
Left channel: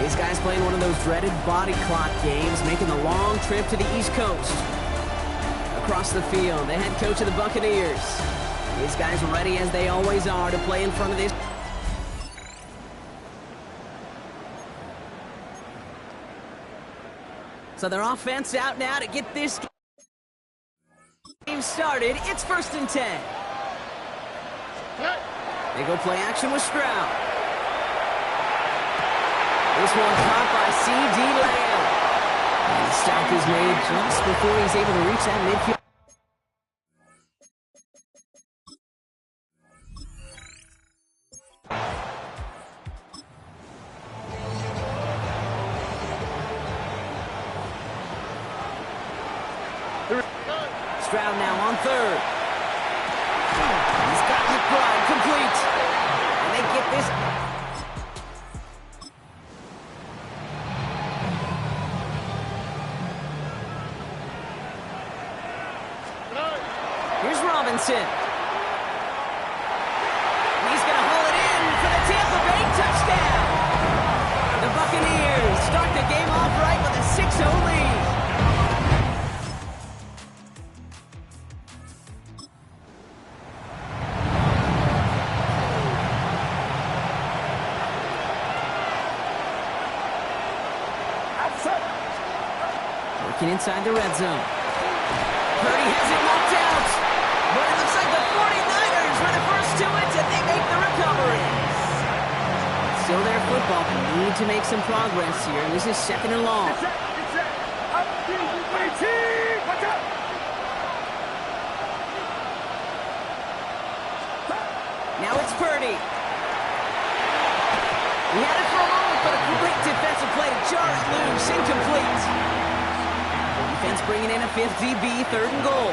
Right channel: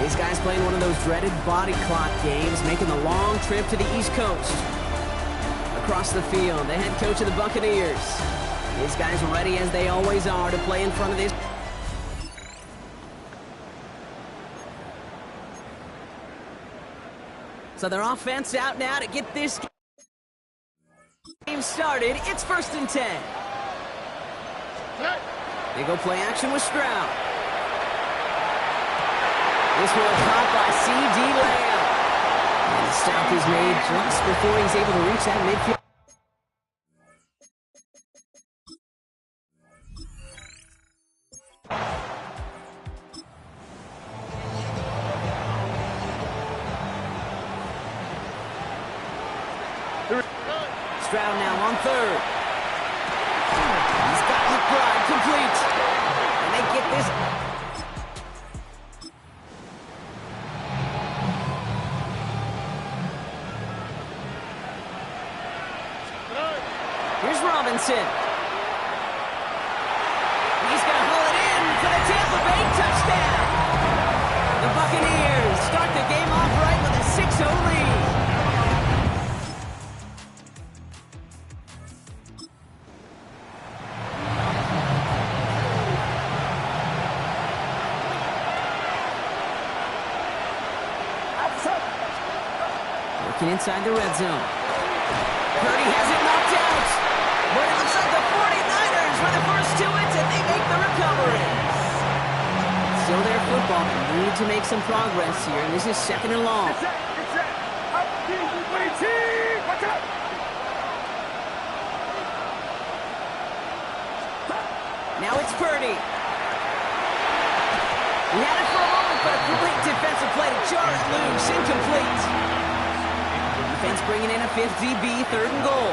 These guys playing one of those dreaded body clock games, making the long trip to the East Coast. Across the field, the head coach of the Buccaneers. These guys are ready, as they always are, to play in front of this. So their offense out now to get this game started. It's 1st and 10. They go play action with Stroud. This one caught by C.D. Lamb. And the stop is made just before he's able to reach that midfield. Stroud now on 3rd. He's got McBride complete. And they get this. Here's Robinson. He's going to haul it in for the Tampa Bay touchdown. The Buccaneers start the game off right with a 6-0 lead. Working inside the red zone. Purdy has it knocked out, but it looks like the 49ers were the first to it, and they make the recovery. Still their football, but need to make some progress here, and this is 2nd and long. Now it's Purdy. He had it for a moment, but a great defensive play to jar it loose, incomplete. Defense bringing in a 5th DB, 3rd and goal.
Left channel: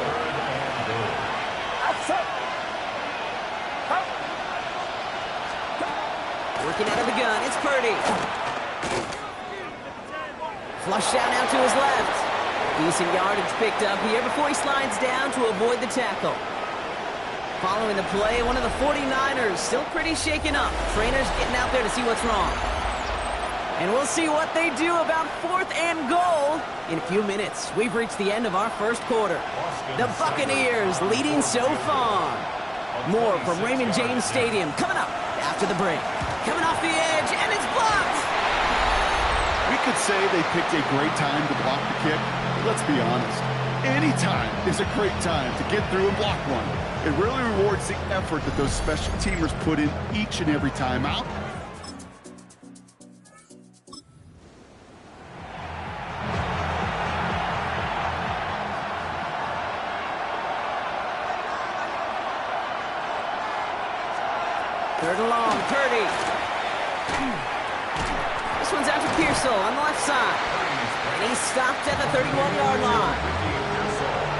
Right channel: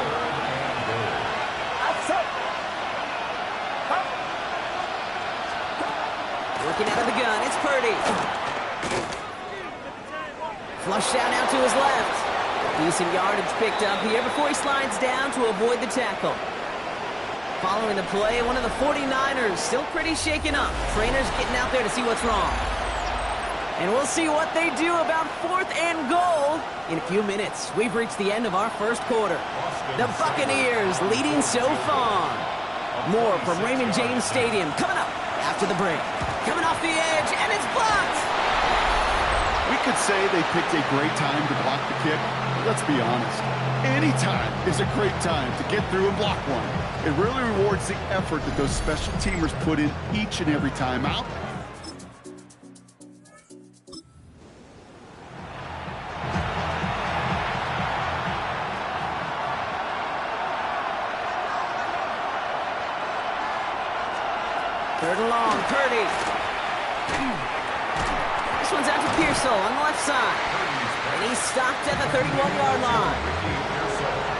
Working out of the gun, it's Purdy. Flushed out now to his left. Decent yardage picked up here before he slides down to avoid the tackle. Following the play, one of the 49ers still pretty shaken up. Trainers getting out there to see what's wrong. And we'll see what they do about 4th and goal in a few minutes. We've reached the end of our first quarter. The Buccaneers leading so far. More from Raymond James Stadium coming up after the break. Coming off the edge, and it's blocked. We could say they picked a great time to block the kick, but let's be honest. Any time is a great time to get through and block one. It really rewards the effort that those special teamers put in each and every time out. Third and long, Purdy. This one's out to Pearsall on the left side. And he's stopped at the 31-yard line.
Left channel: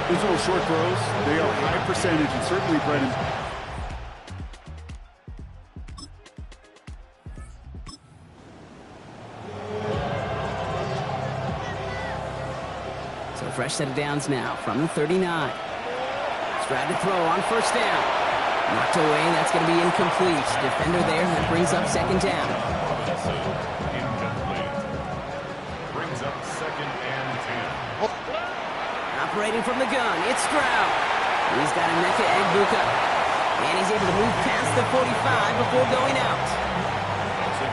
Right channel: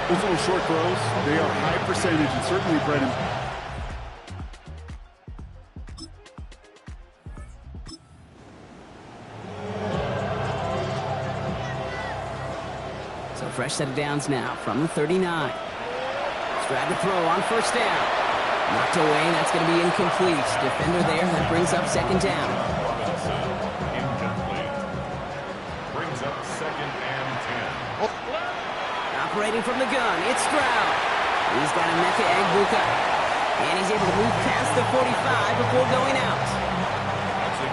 Those little short throws, they are high percentage, and certainly, Brennan, so fresh set of downs now from the 39. Stroud to throw on first down. Knocked away, that's going to be incomplete. Defender there, that brings up second down. Robinson, incomplete. Brings up 2nd and 10. Operating from the gun, it's Stroud. He's got Emeka Egbuka. And he's able to move past the 45 before going out.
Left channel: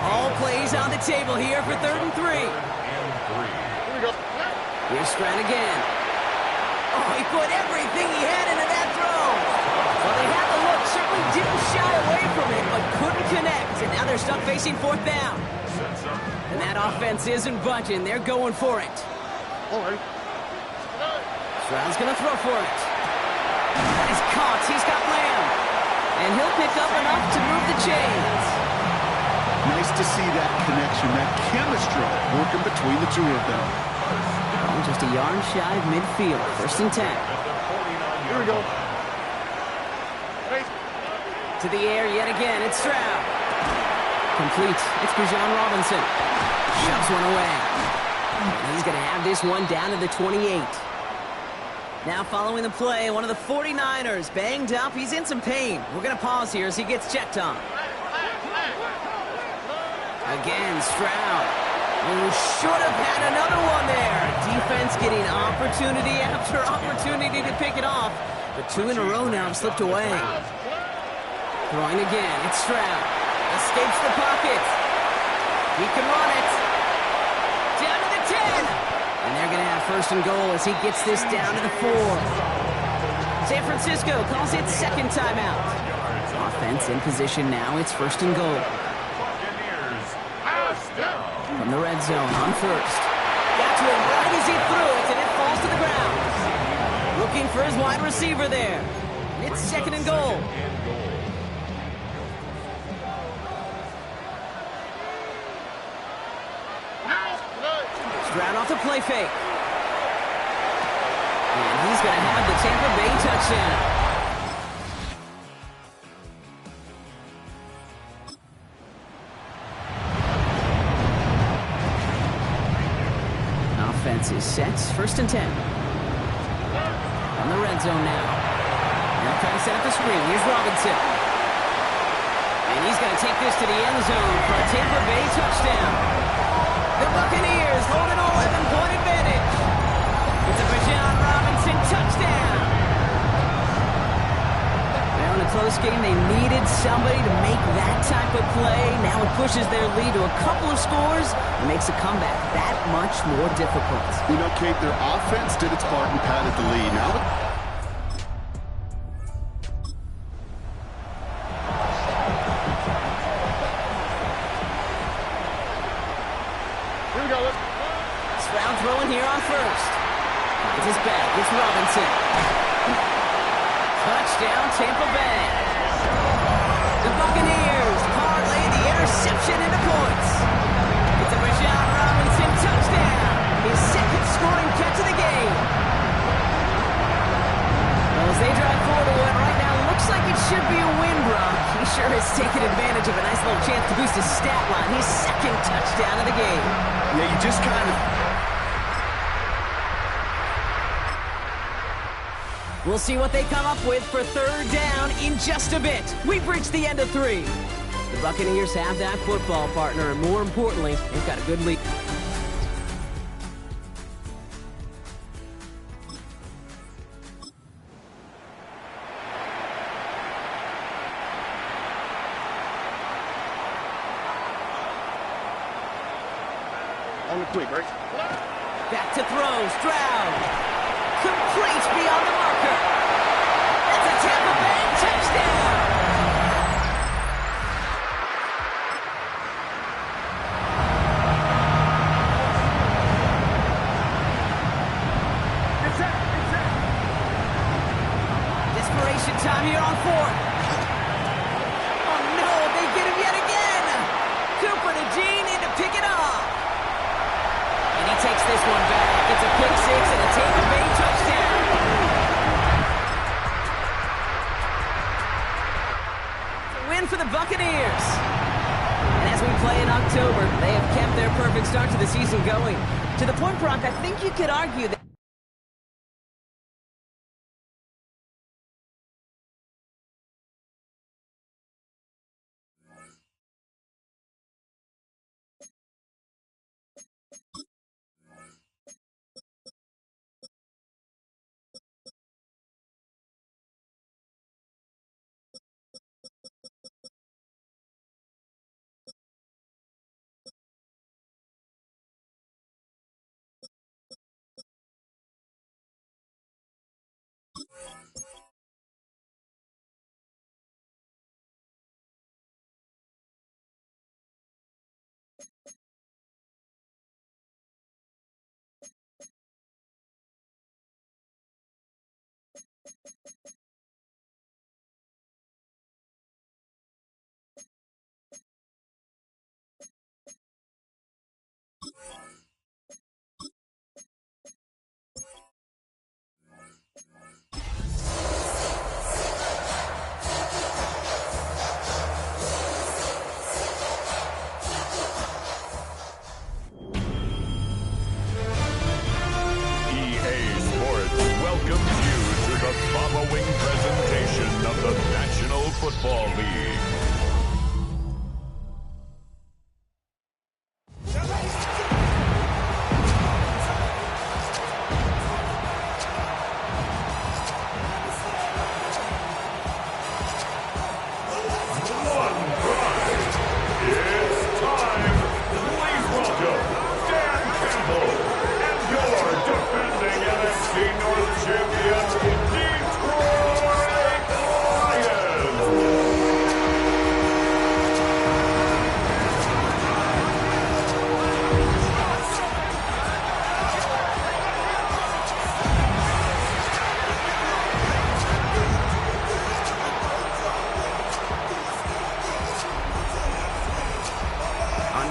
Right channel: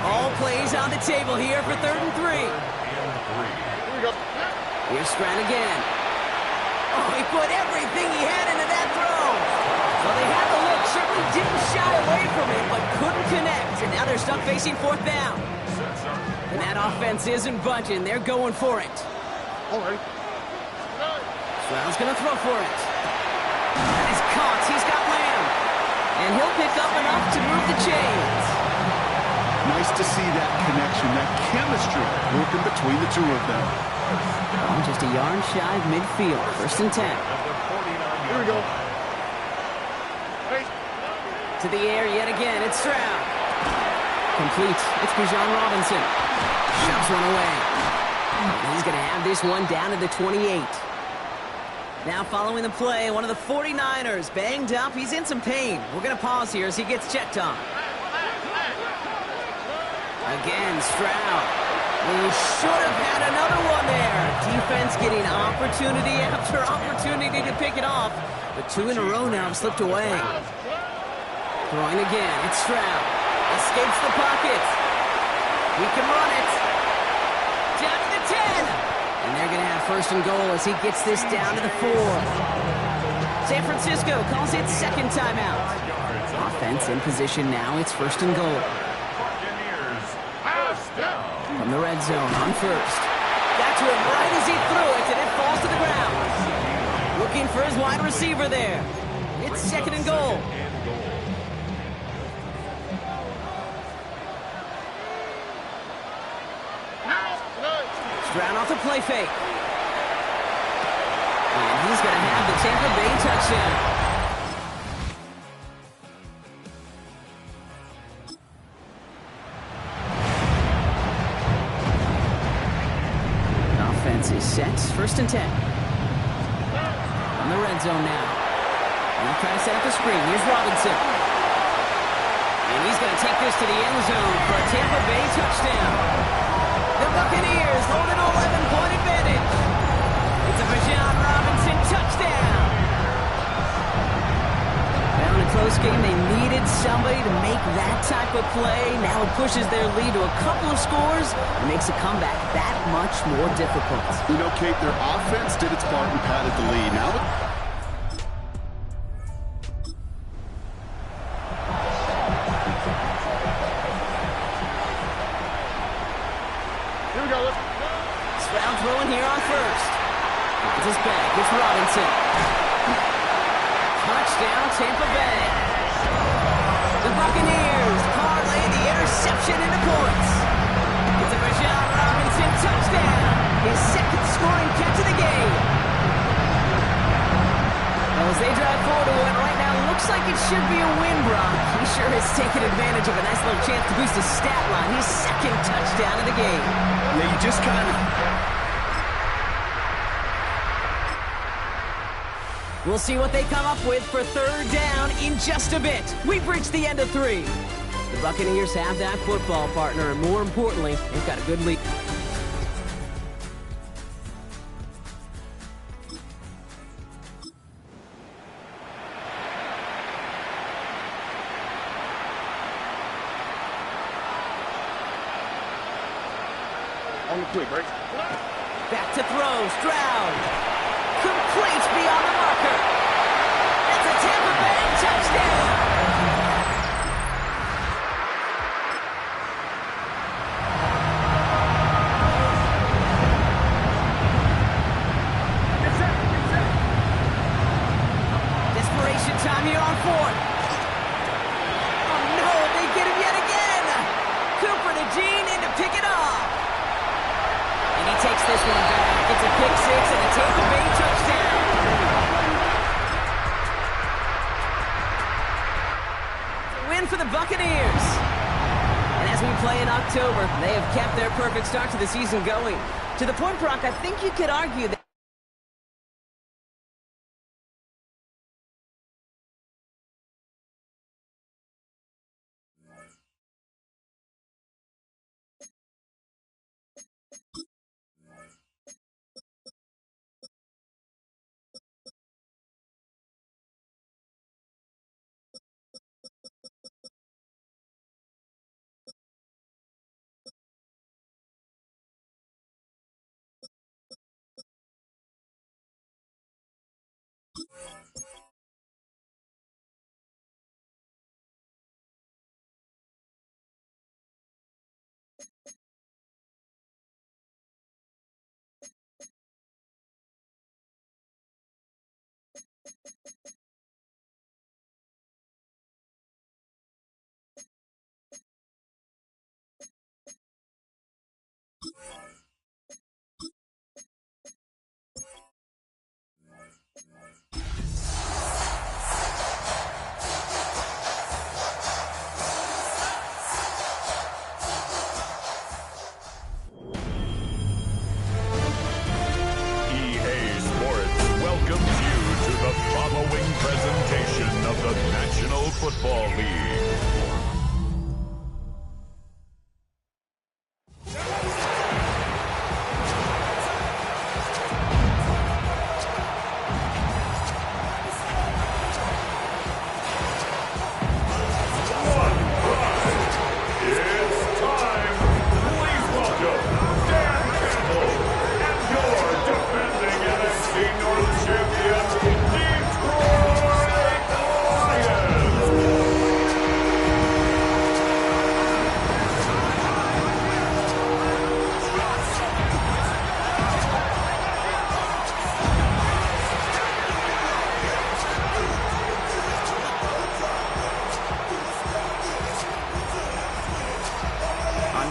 All plays on the table here for 3rd and 3. Here we go. Here's Stroud again. Oh, he put everything he had into that throw. Well, they had the look, certainly didn't shy away from it, but couldn't connect. And now they're stuck facing 4th down. And that offense isn't budging. They're going for it. All right. Stroud's going to throw for it. That is caught. He's got Lamb. And he'll pick up enough to move the chains. nice to see that connection, that chemistry working between the two of them. Oh, just a yard shy of midfield. 1st and 10. Here we go. To the air yet again. It's Stroud. Complete. It's Bijan Robinson. Shoves one away. And he's going to have this one down to the 28. Now following the play, one of the 49ers banged up. He's in some pain. We're going to pause here as he gets checked on. Again, Stroud. Who should have had another one there. Defense getting opportunity after opportunity to pick it off. But 2 in a row now have slipped away. Throwing again, it's Stroud. Escapes the pocket. He can run it. Down to the 10. And they're going to have 1st and goal as he gets this down to the 4. San Francisco calls it 2nd timeout. Offense in position now. It's 1st and goal. From the red zone on 1st. Got to him right as he threw it, and it falls to the ground. Looking for his wide receiver there. It's 2nd and goal. Stroud off the play fake. And he's going to have the Tampa Bay touchdown. Offense is set. 1st and 10. From the red zone now. They'll try to set up the screen. Here's Robinson. And he's going to take this to the end zone for a Tampa Bay touchdown. The Buccaneers hold an 11-point advantage. It's a Bijan Robinson touchdown. Well, in a close game, they needed somebody to make that type of play. Now it pushes their lead to a couple of scores and makes a comeback that much more difficult. You know, Kate, their offense did its part and padded the lead. Now Here we go. Stroud throwing here on 1st. Finds his back. It's Robinson. Touchdown, Tampa Bay. The Buccaneers parlay the interception into points. It's a Bijan Robinson touchdown. His 2nd scoring catch of the game. Well, as they drive forward to what right now looks like it should be a win, Brock. He sure has taken advantage of a nice little chance to boost his stat line. His 2nd touchdown of the game. yeah, you just kind of... We'll see what they come up with for 3rd down in just a bit. We've reached the end of 3. The Buccaneers have that football partner, and more importantly, they've got a good lead. On on the quick, right? Back to throw. Stroud. Complete beyond the marker. That's a Tampa Bay touchdown. Desperation time here on fourth. Oh no, they get him yet again. Cooper to Gene in to pick it off. And he takes this one back. It's a pick six and a Tampa Bay touchdown. It's a win for the Buccaneers. And as we play in October, they have kept their perfect start to the season going. To the point, Brock, I think you could argue that welcomes you to the following presentation of the National Football League.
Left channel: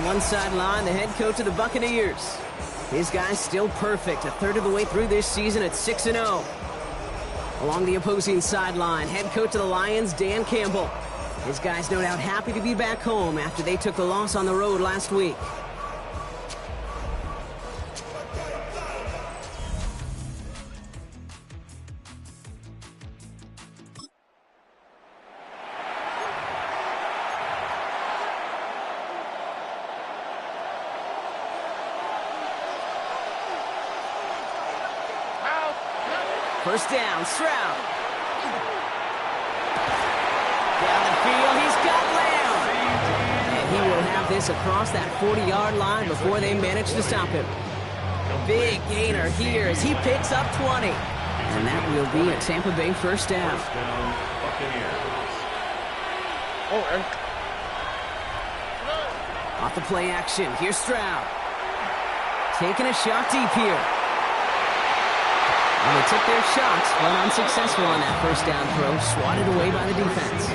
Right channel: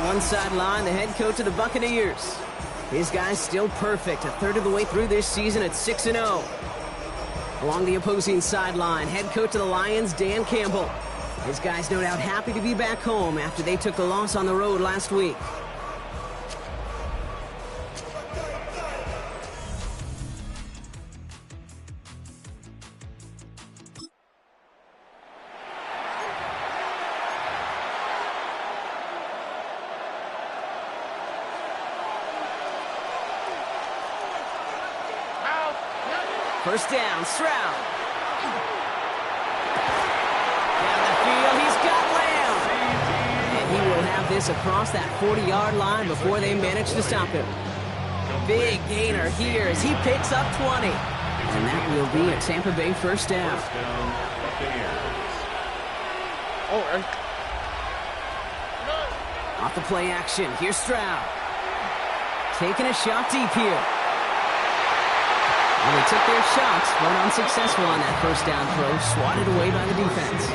One sideline, the head coach of the Buccaneers. His guy's still perfect, a third of the way through this season at 6-0. Along the opposing sideline, head coach of the Lions, Dan Campbell. His guy's no doubt happy to be back home after they took the loss on the road last week. First down, Stroud. Down the field, he's got Lamb. And he will have this across that 40-yard line before they manage to stop him. Big gainer here as he picks up 20. And that will be a Tampa Bay first down. Off the play action, here's Stroud. Taking a shot deep here. And they took their shots, but unsuccessful on that first down throw, swatted away by the defense.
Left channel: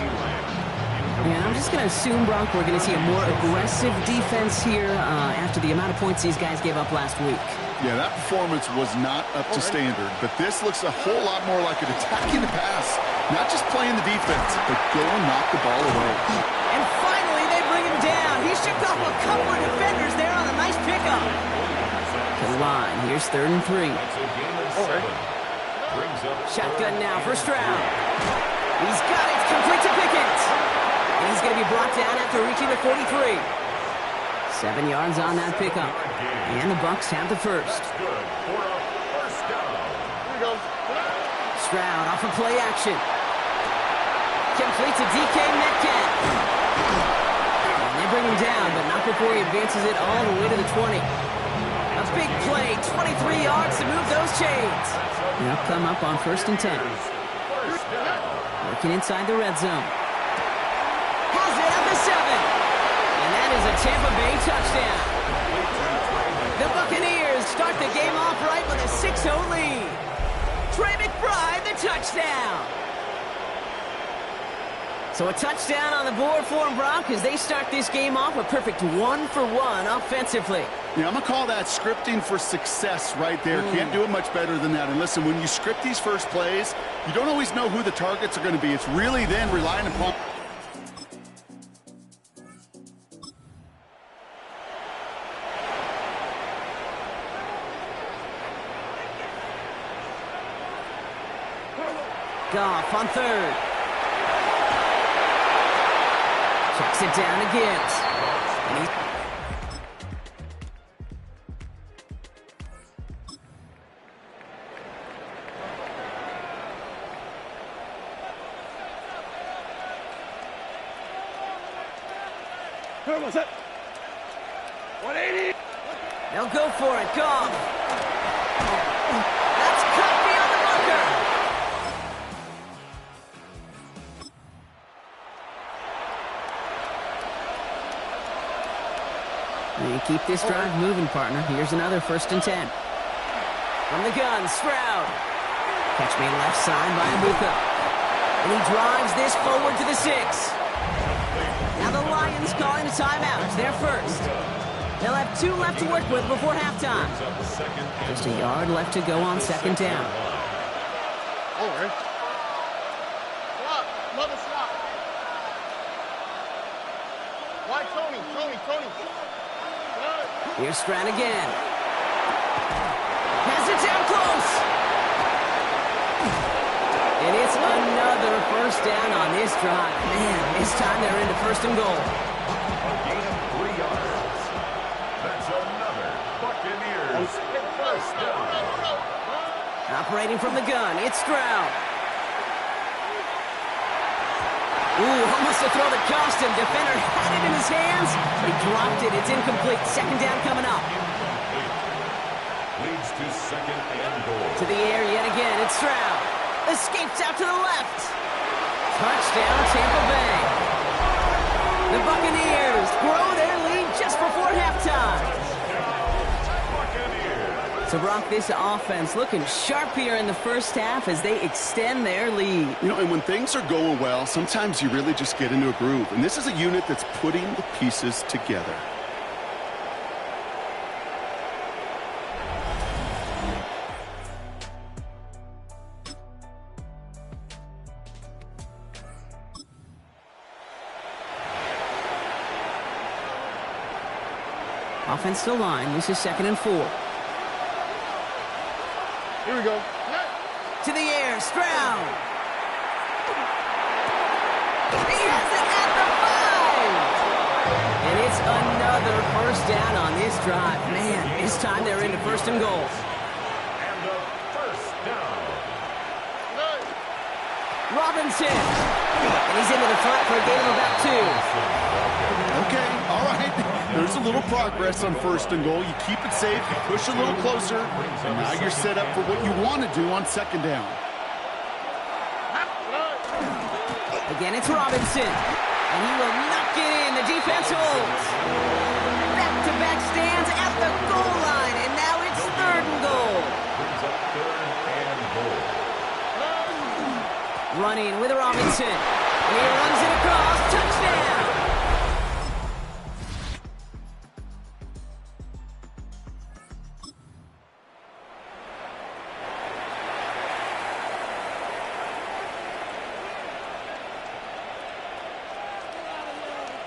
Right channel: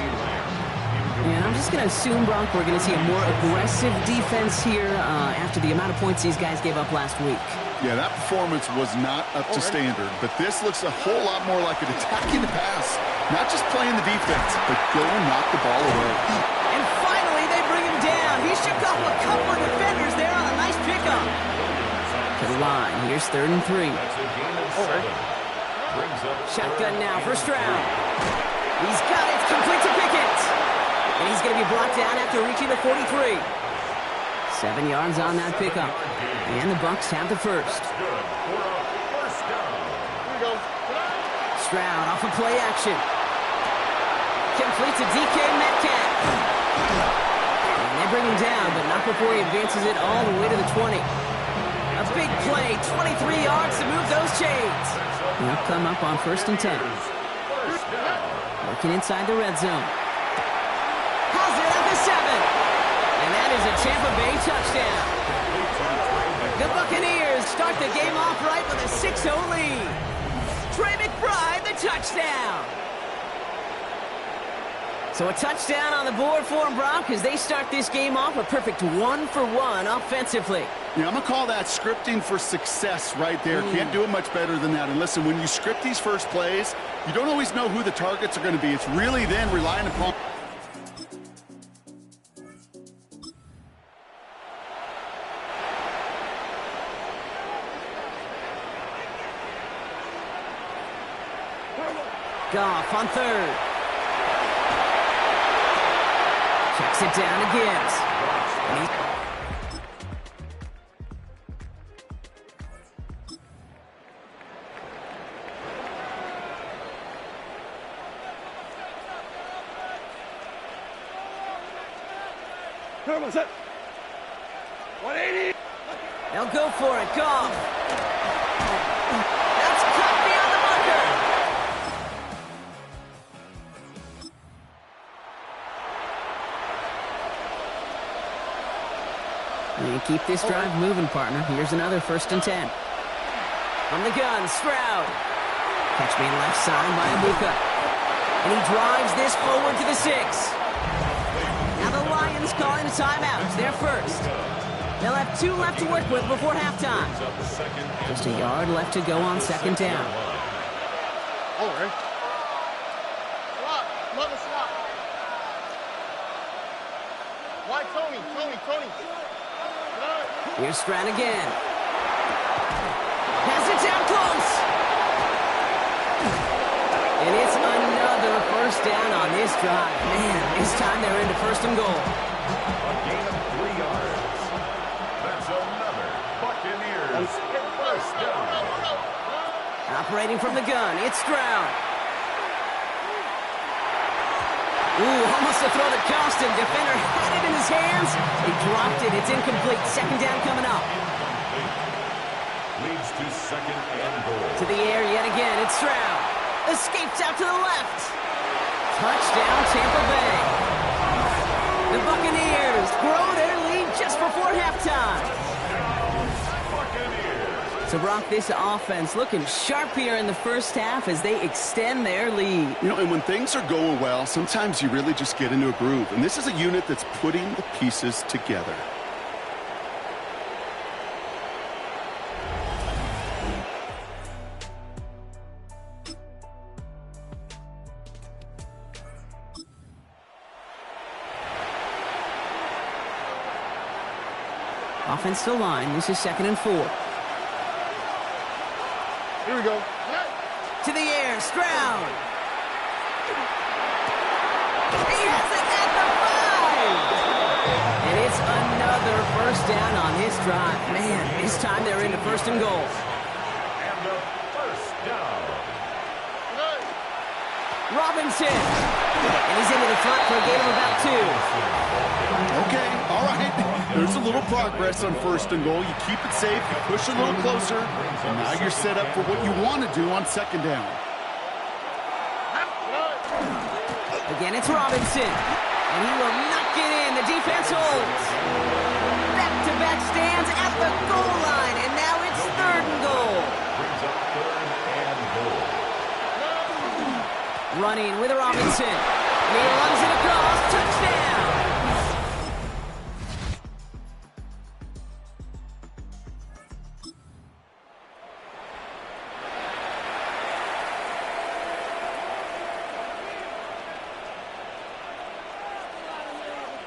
And I'm just going to assume, Brock, we're going to see a more aggressive defense here after the amount of points these guys gave up last week. Yeah, that performance was not up to standard, but this looks a whole lot more like an attacking the pass. Not just playing the defense, but go and knock the ball away. And finally, they bring him down. He shook off a couple of defenders there on a nice pickup. To the line, here's 3rd and 3. Shotgun now for Stroud. He's got it, it's complete to Pickens. And he's going to be brought down after reaching the 43. 7 yards on that pickup. And the Bucs have the first. Stroud off of play action. Complete to DK Metcalf. And they bring him down, but not before he advances it all the way to the 20. A big play, 23 yards to move those chains. They'll come up on 1st and 10. Working inside the red zone. Has it at the 7. And that is a Tampa Bay touchdown. The Buccaneers start the game off right with a 6-0 lead. Trey McBride, the touchdown. So a touchdown on the board for them, Brock, as they start this game off a perfect 1-for-1 offensively. Yeah, I'm going to call that scripting for success right there. Can't do it much better than that. And listen, when you script these first plays, you don't always know who the targets are going to be. It's really then relying upon... Goff on 3rd. Checks it down to Gibbs. And he's... What's that? 180. They'll go for it. Goff. That's cut beyond the marker. They keep this drive moving, partner. Here's another 1st and 10. From the gun, Stroud. Catch made left side by Abuka. And he drives this forward to the 6. Now the Lions calling a timeout. It's their first. They'll have 2 left to work with before halftime. Just a yard left to go on 2nd down. All right. Slot. Mother slot. Why Tony? Here's Stroud again. Has it down close. And it's another 1st down on this drive. Man, this time they're into 1st and goal. A gain of 3 yards. That's another Buccaneers 1st down. Operating from the gun, it's Stroud. Ooh, almost a throw that cost him. Defender had it in his hands. He dropped it. It's incomplete. 2nd down coming up. Incomplete. Leads to 2nd and goal. To the air yet again. It's Stroud. Escapes out to the left. Touchdown, Tampa Bay. The Buccaneers grow their lead just before halftime. So, Brock, this offense looking sharp here in the first half as they extend their lead. You know, and when things are going well, sometimes you really just get into a groove. And this is a unit that's putting the pieces together. Offense to line. This is 2nd and 4. Here we go. To the air, Stroud. He has it at the 5. And it's another 1st down on this drive. Man, this time they're into 1st and goal. And a 1st down. Robinson. And he's into the front for a gain of about 2. Okay, all right. There's a little progress on 1st and goal. You keep it safe, you push a little closer, and now you're set up for what you want to do on 2nd down. Again, it's Robinson. And he will not get in. The defense holds. Back-to-back stands at the goal line, and now it's 3rd and goal. Brings up 3rd and goal. Running with Robinson. And he runs it across. Touchdown.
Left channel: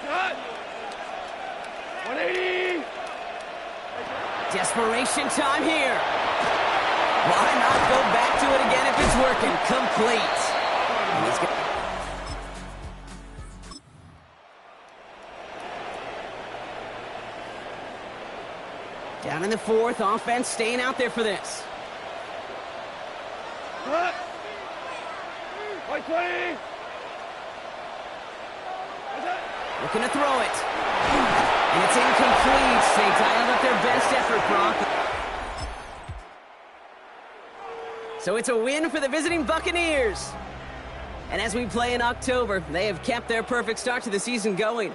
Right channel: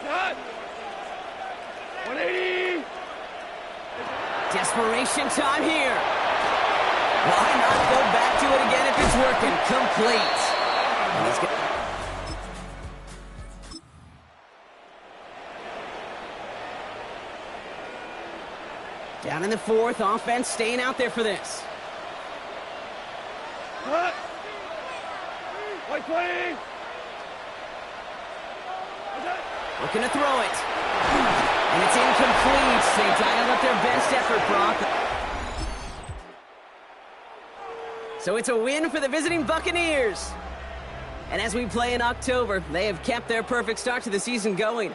Cut. 180. Desperation time here. Why not go back to it again if it's working? Complete. And he's got... Down in the 4th, offense staying out there for this. Cut. 120. Looking to throw it. And it's incomplete. They dialed up their best effort, Brock. So it's a win for the visiting Buccaneers. And as we play in October, they have kept their perfect start to the season going.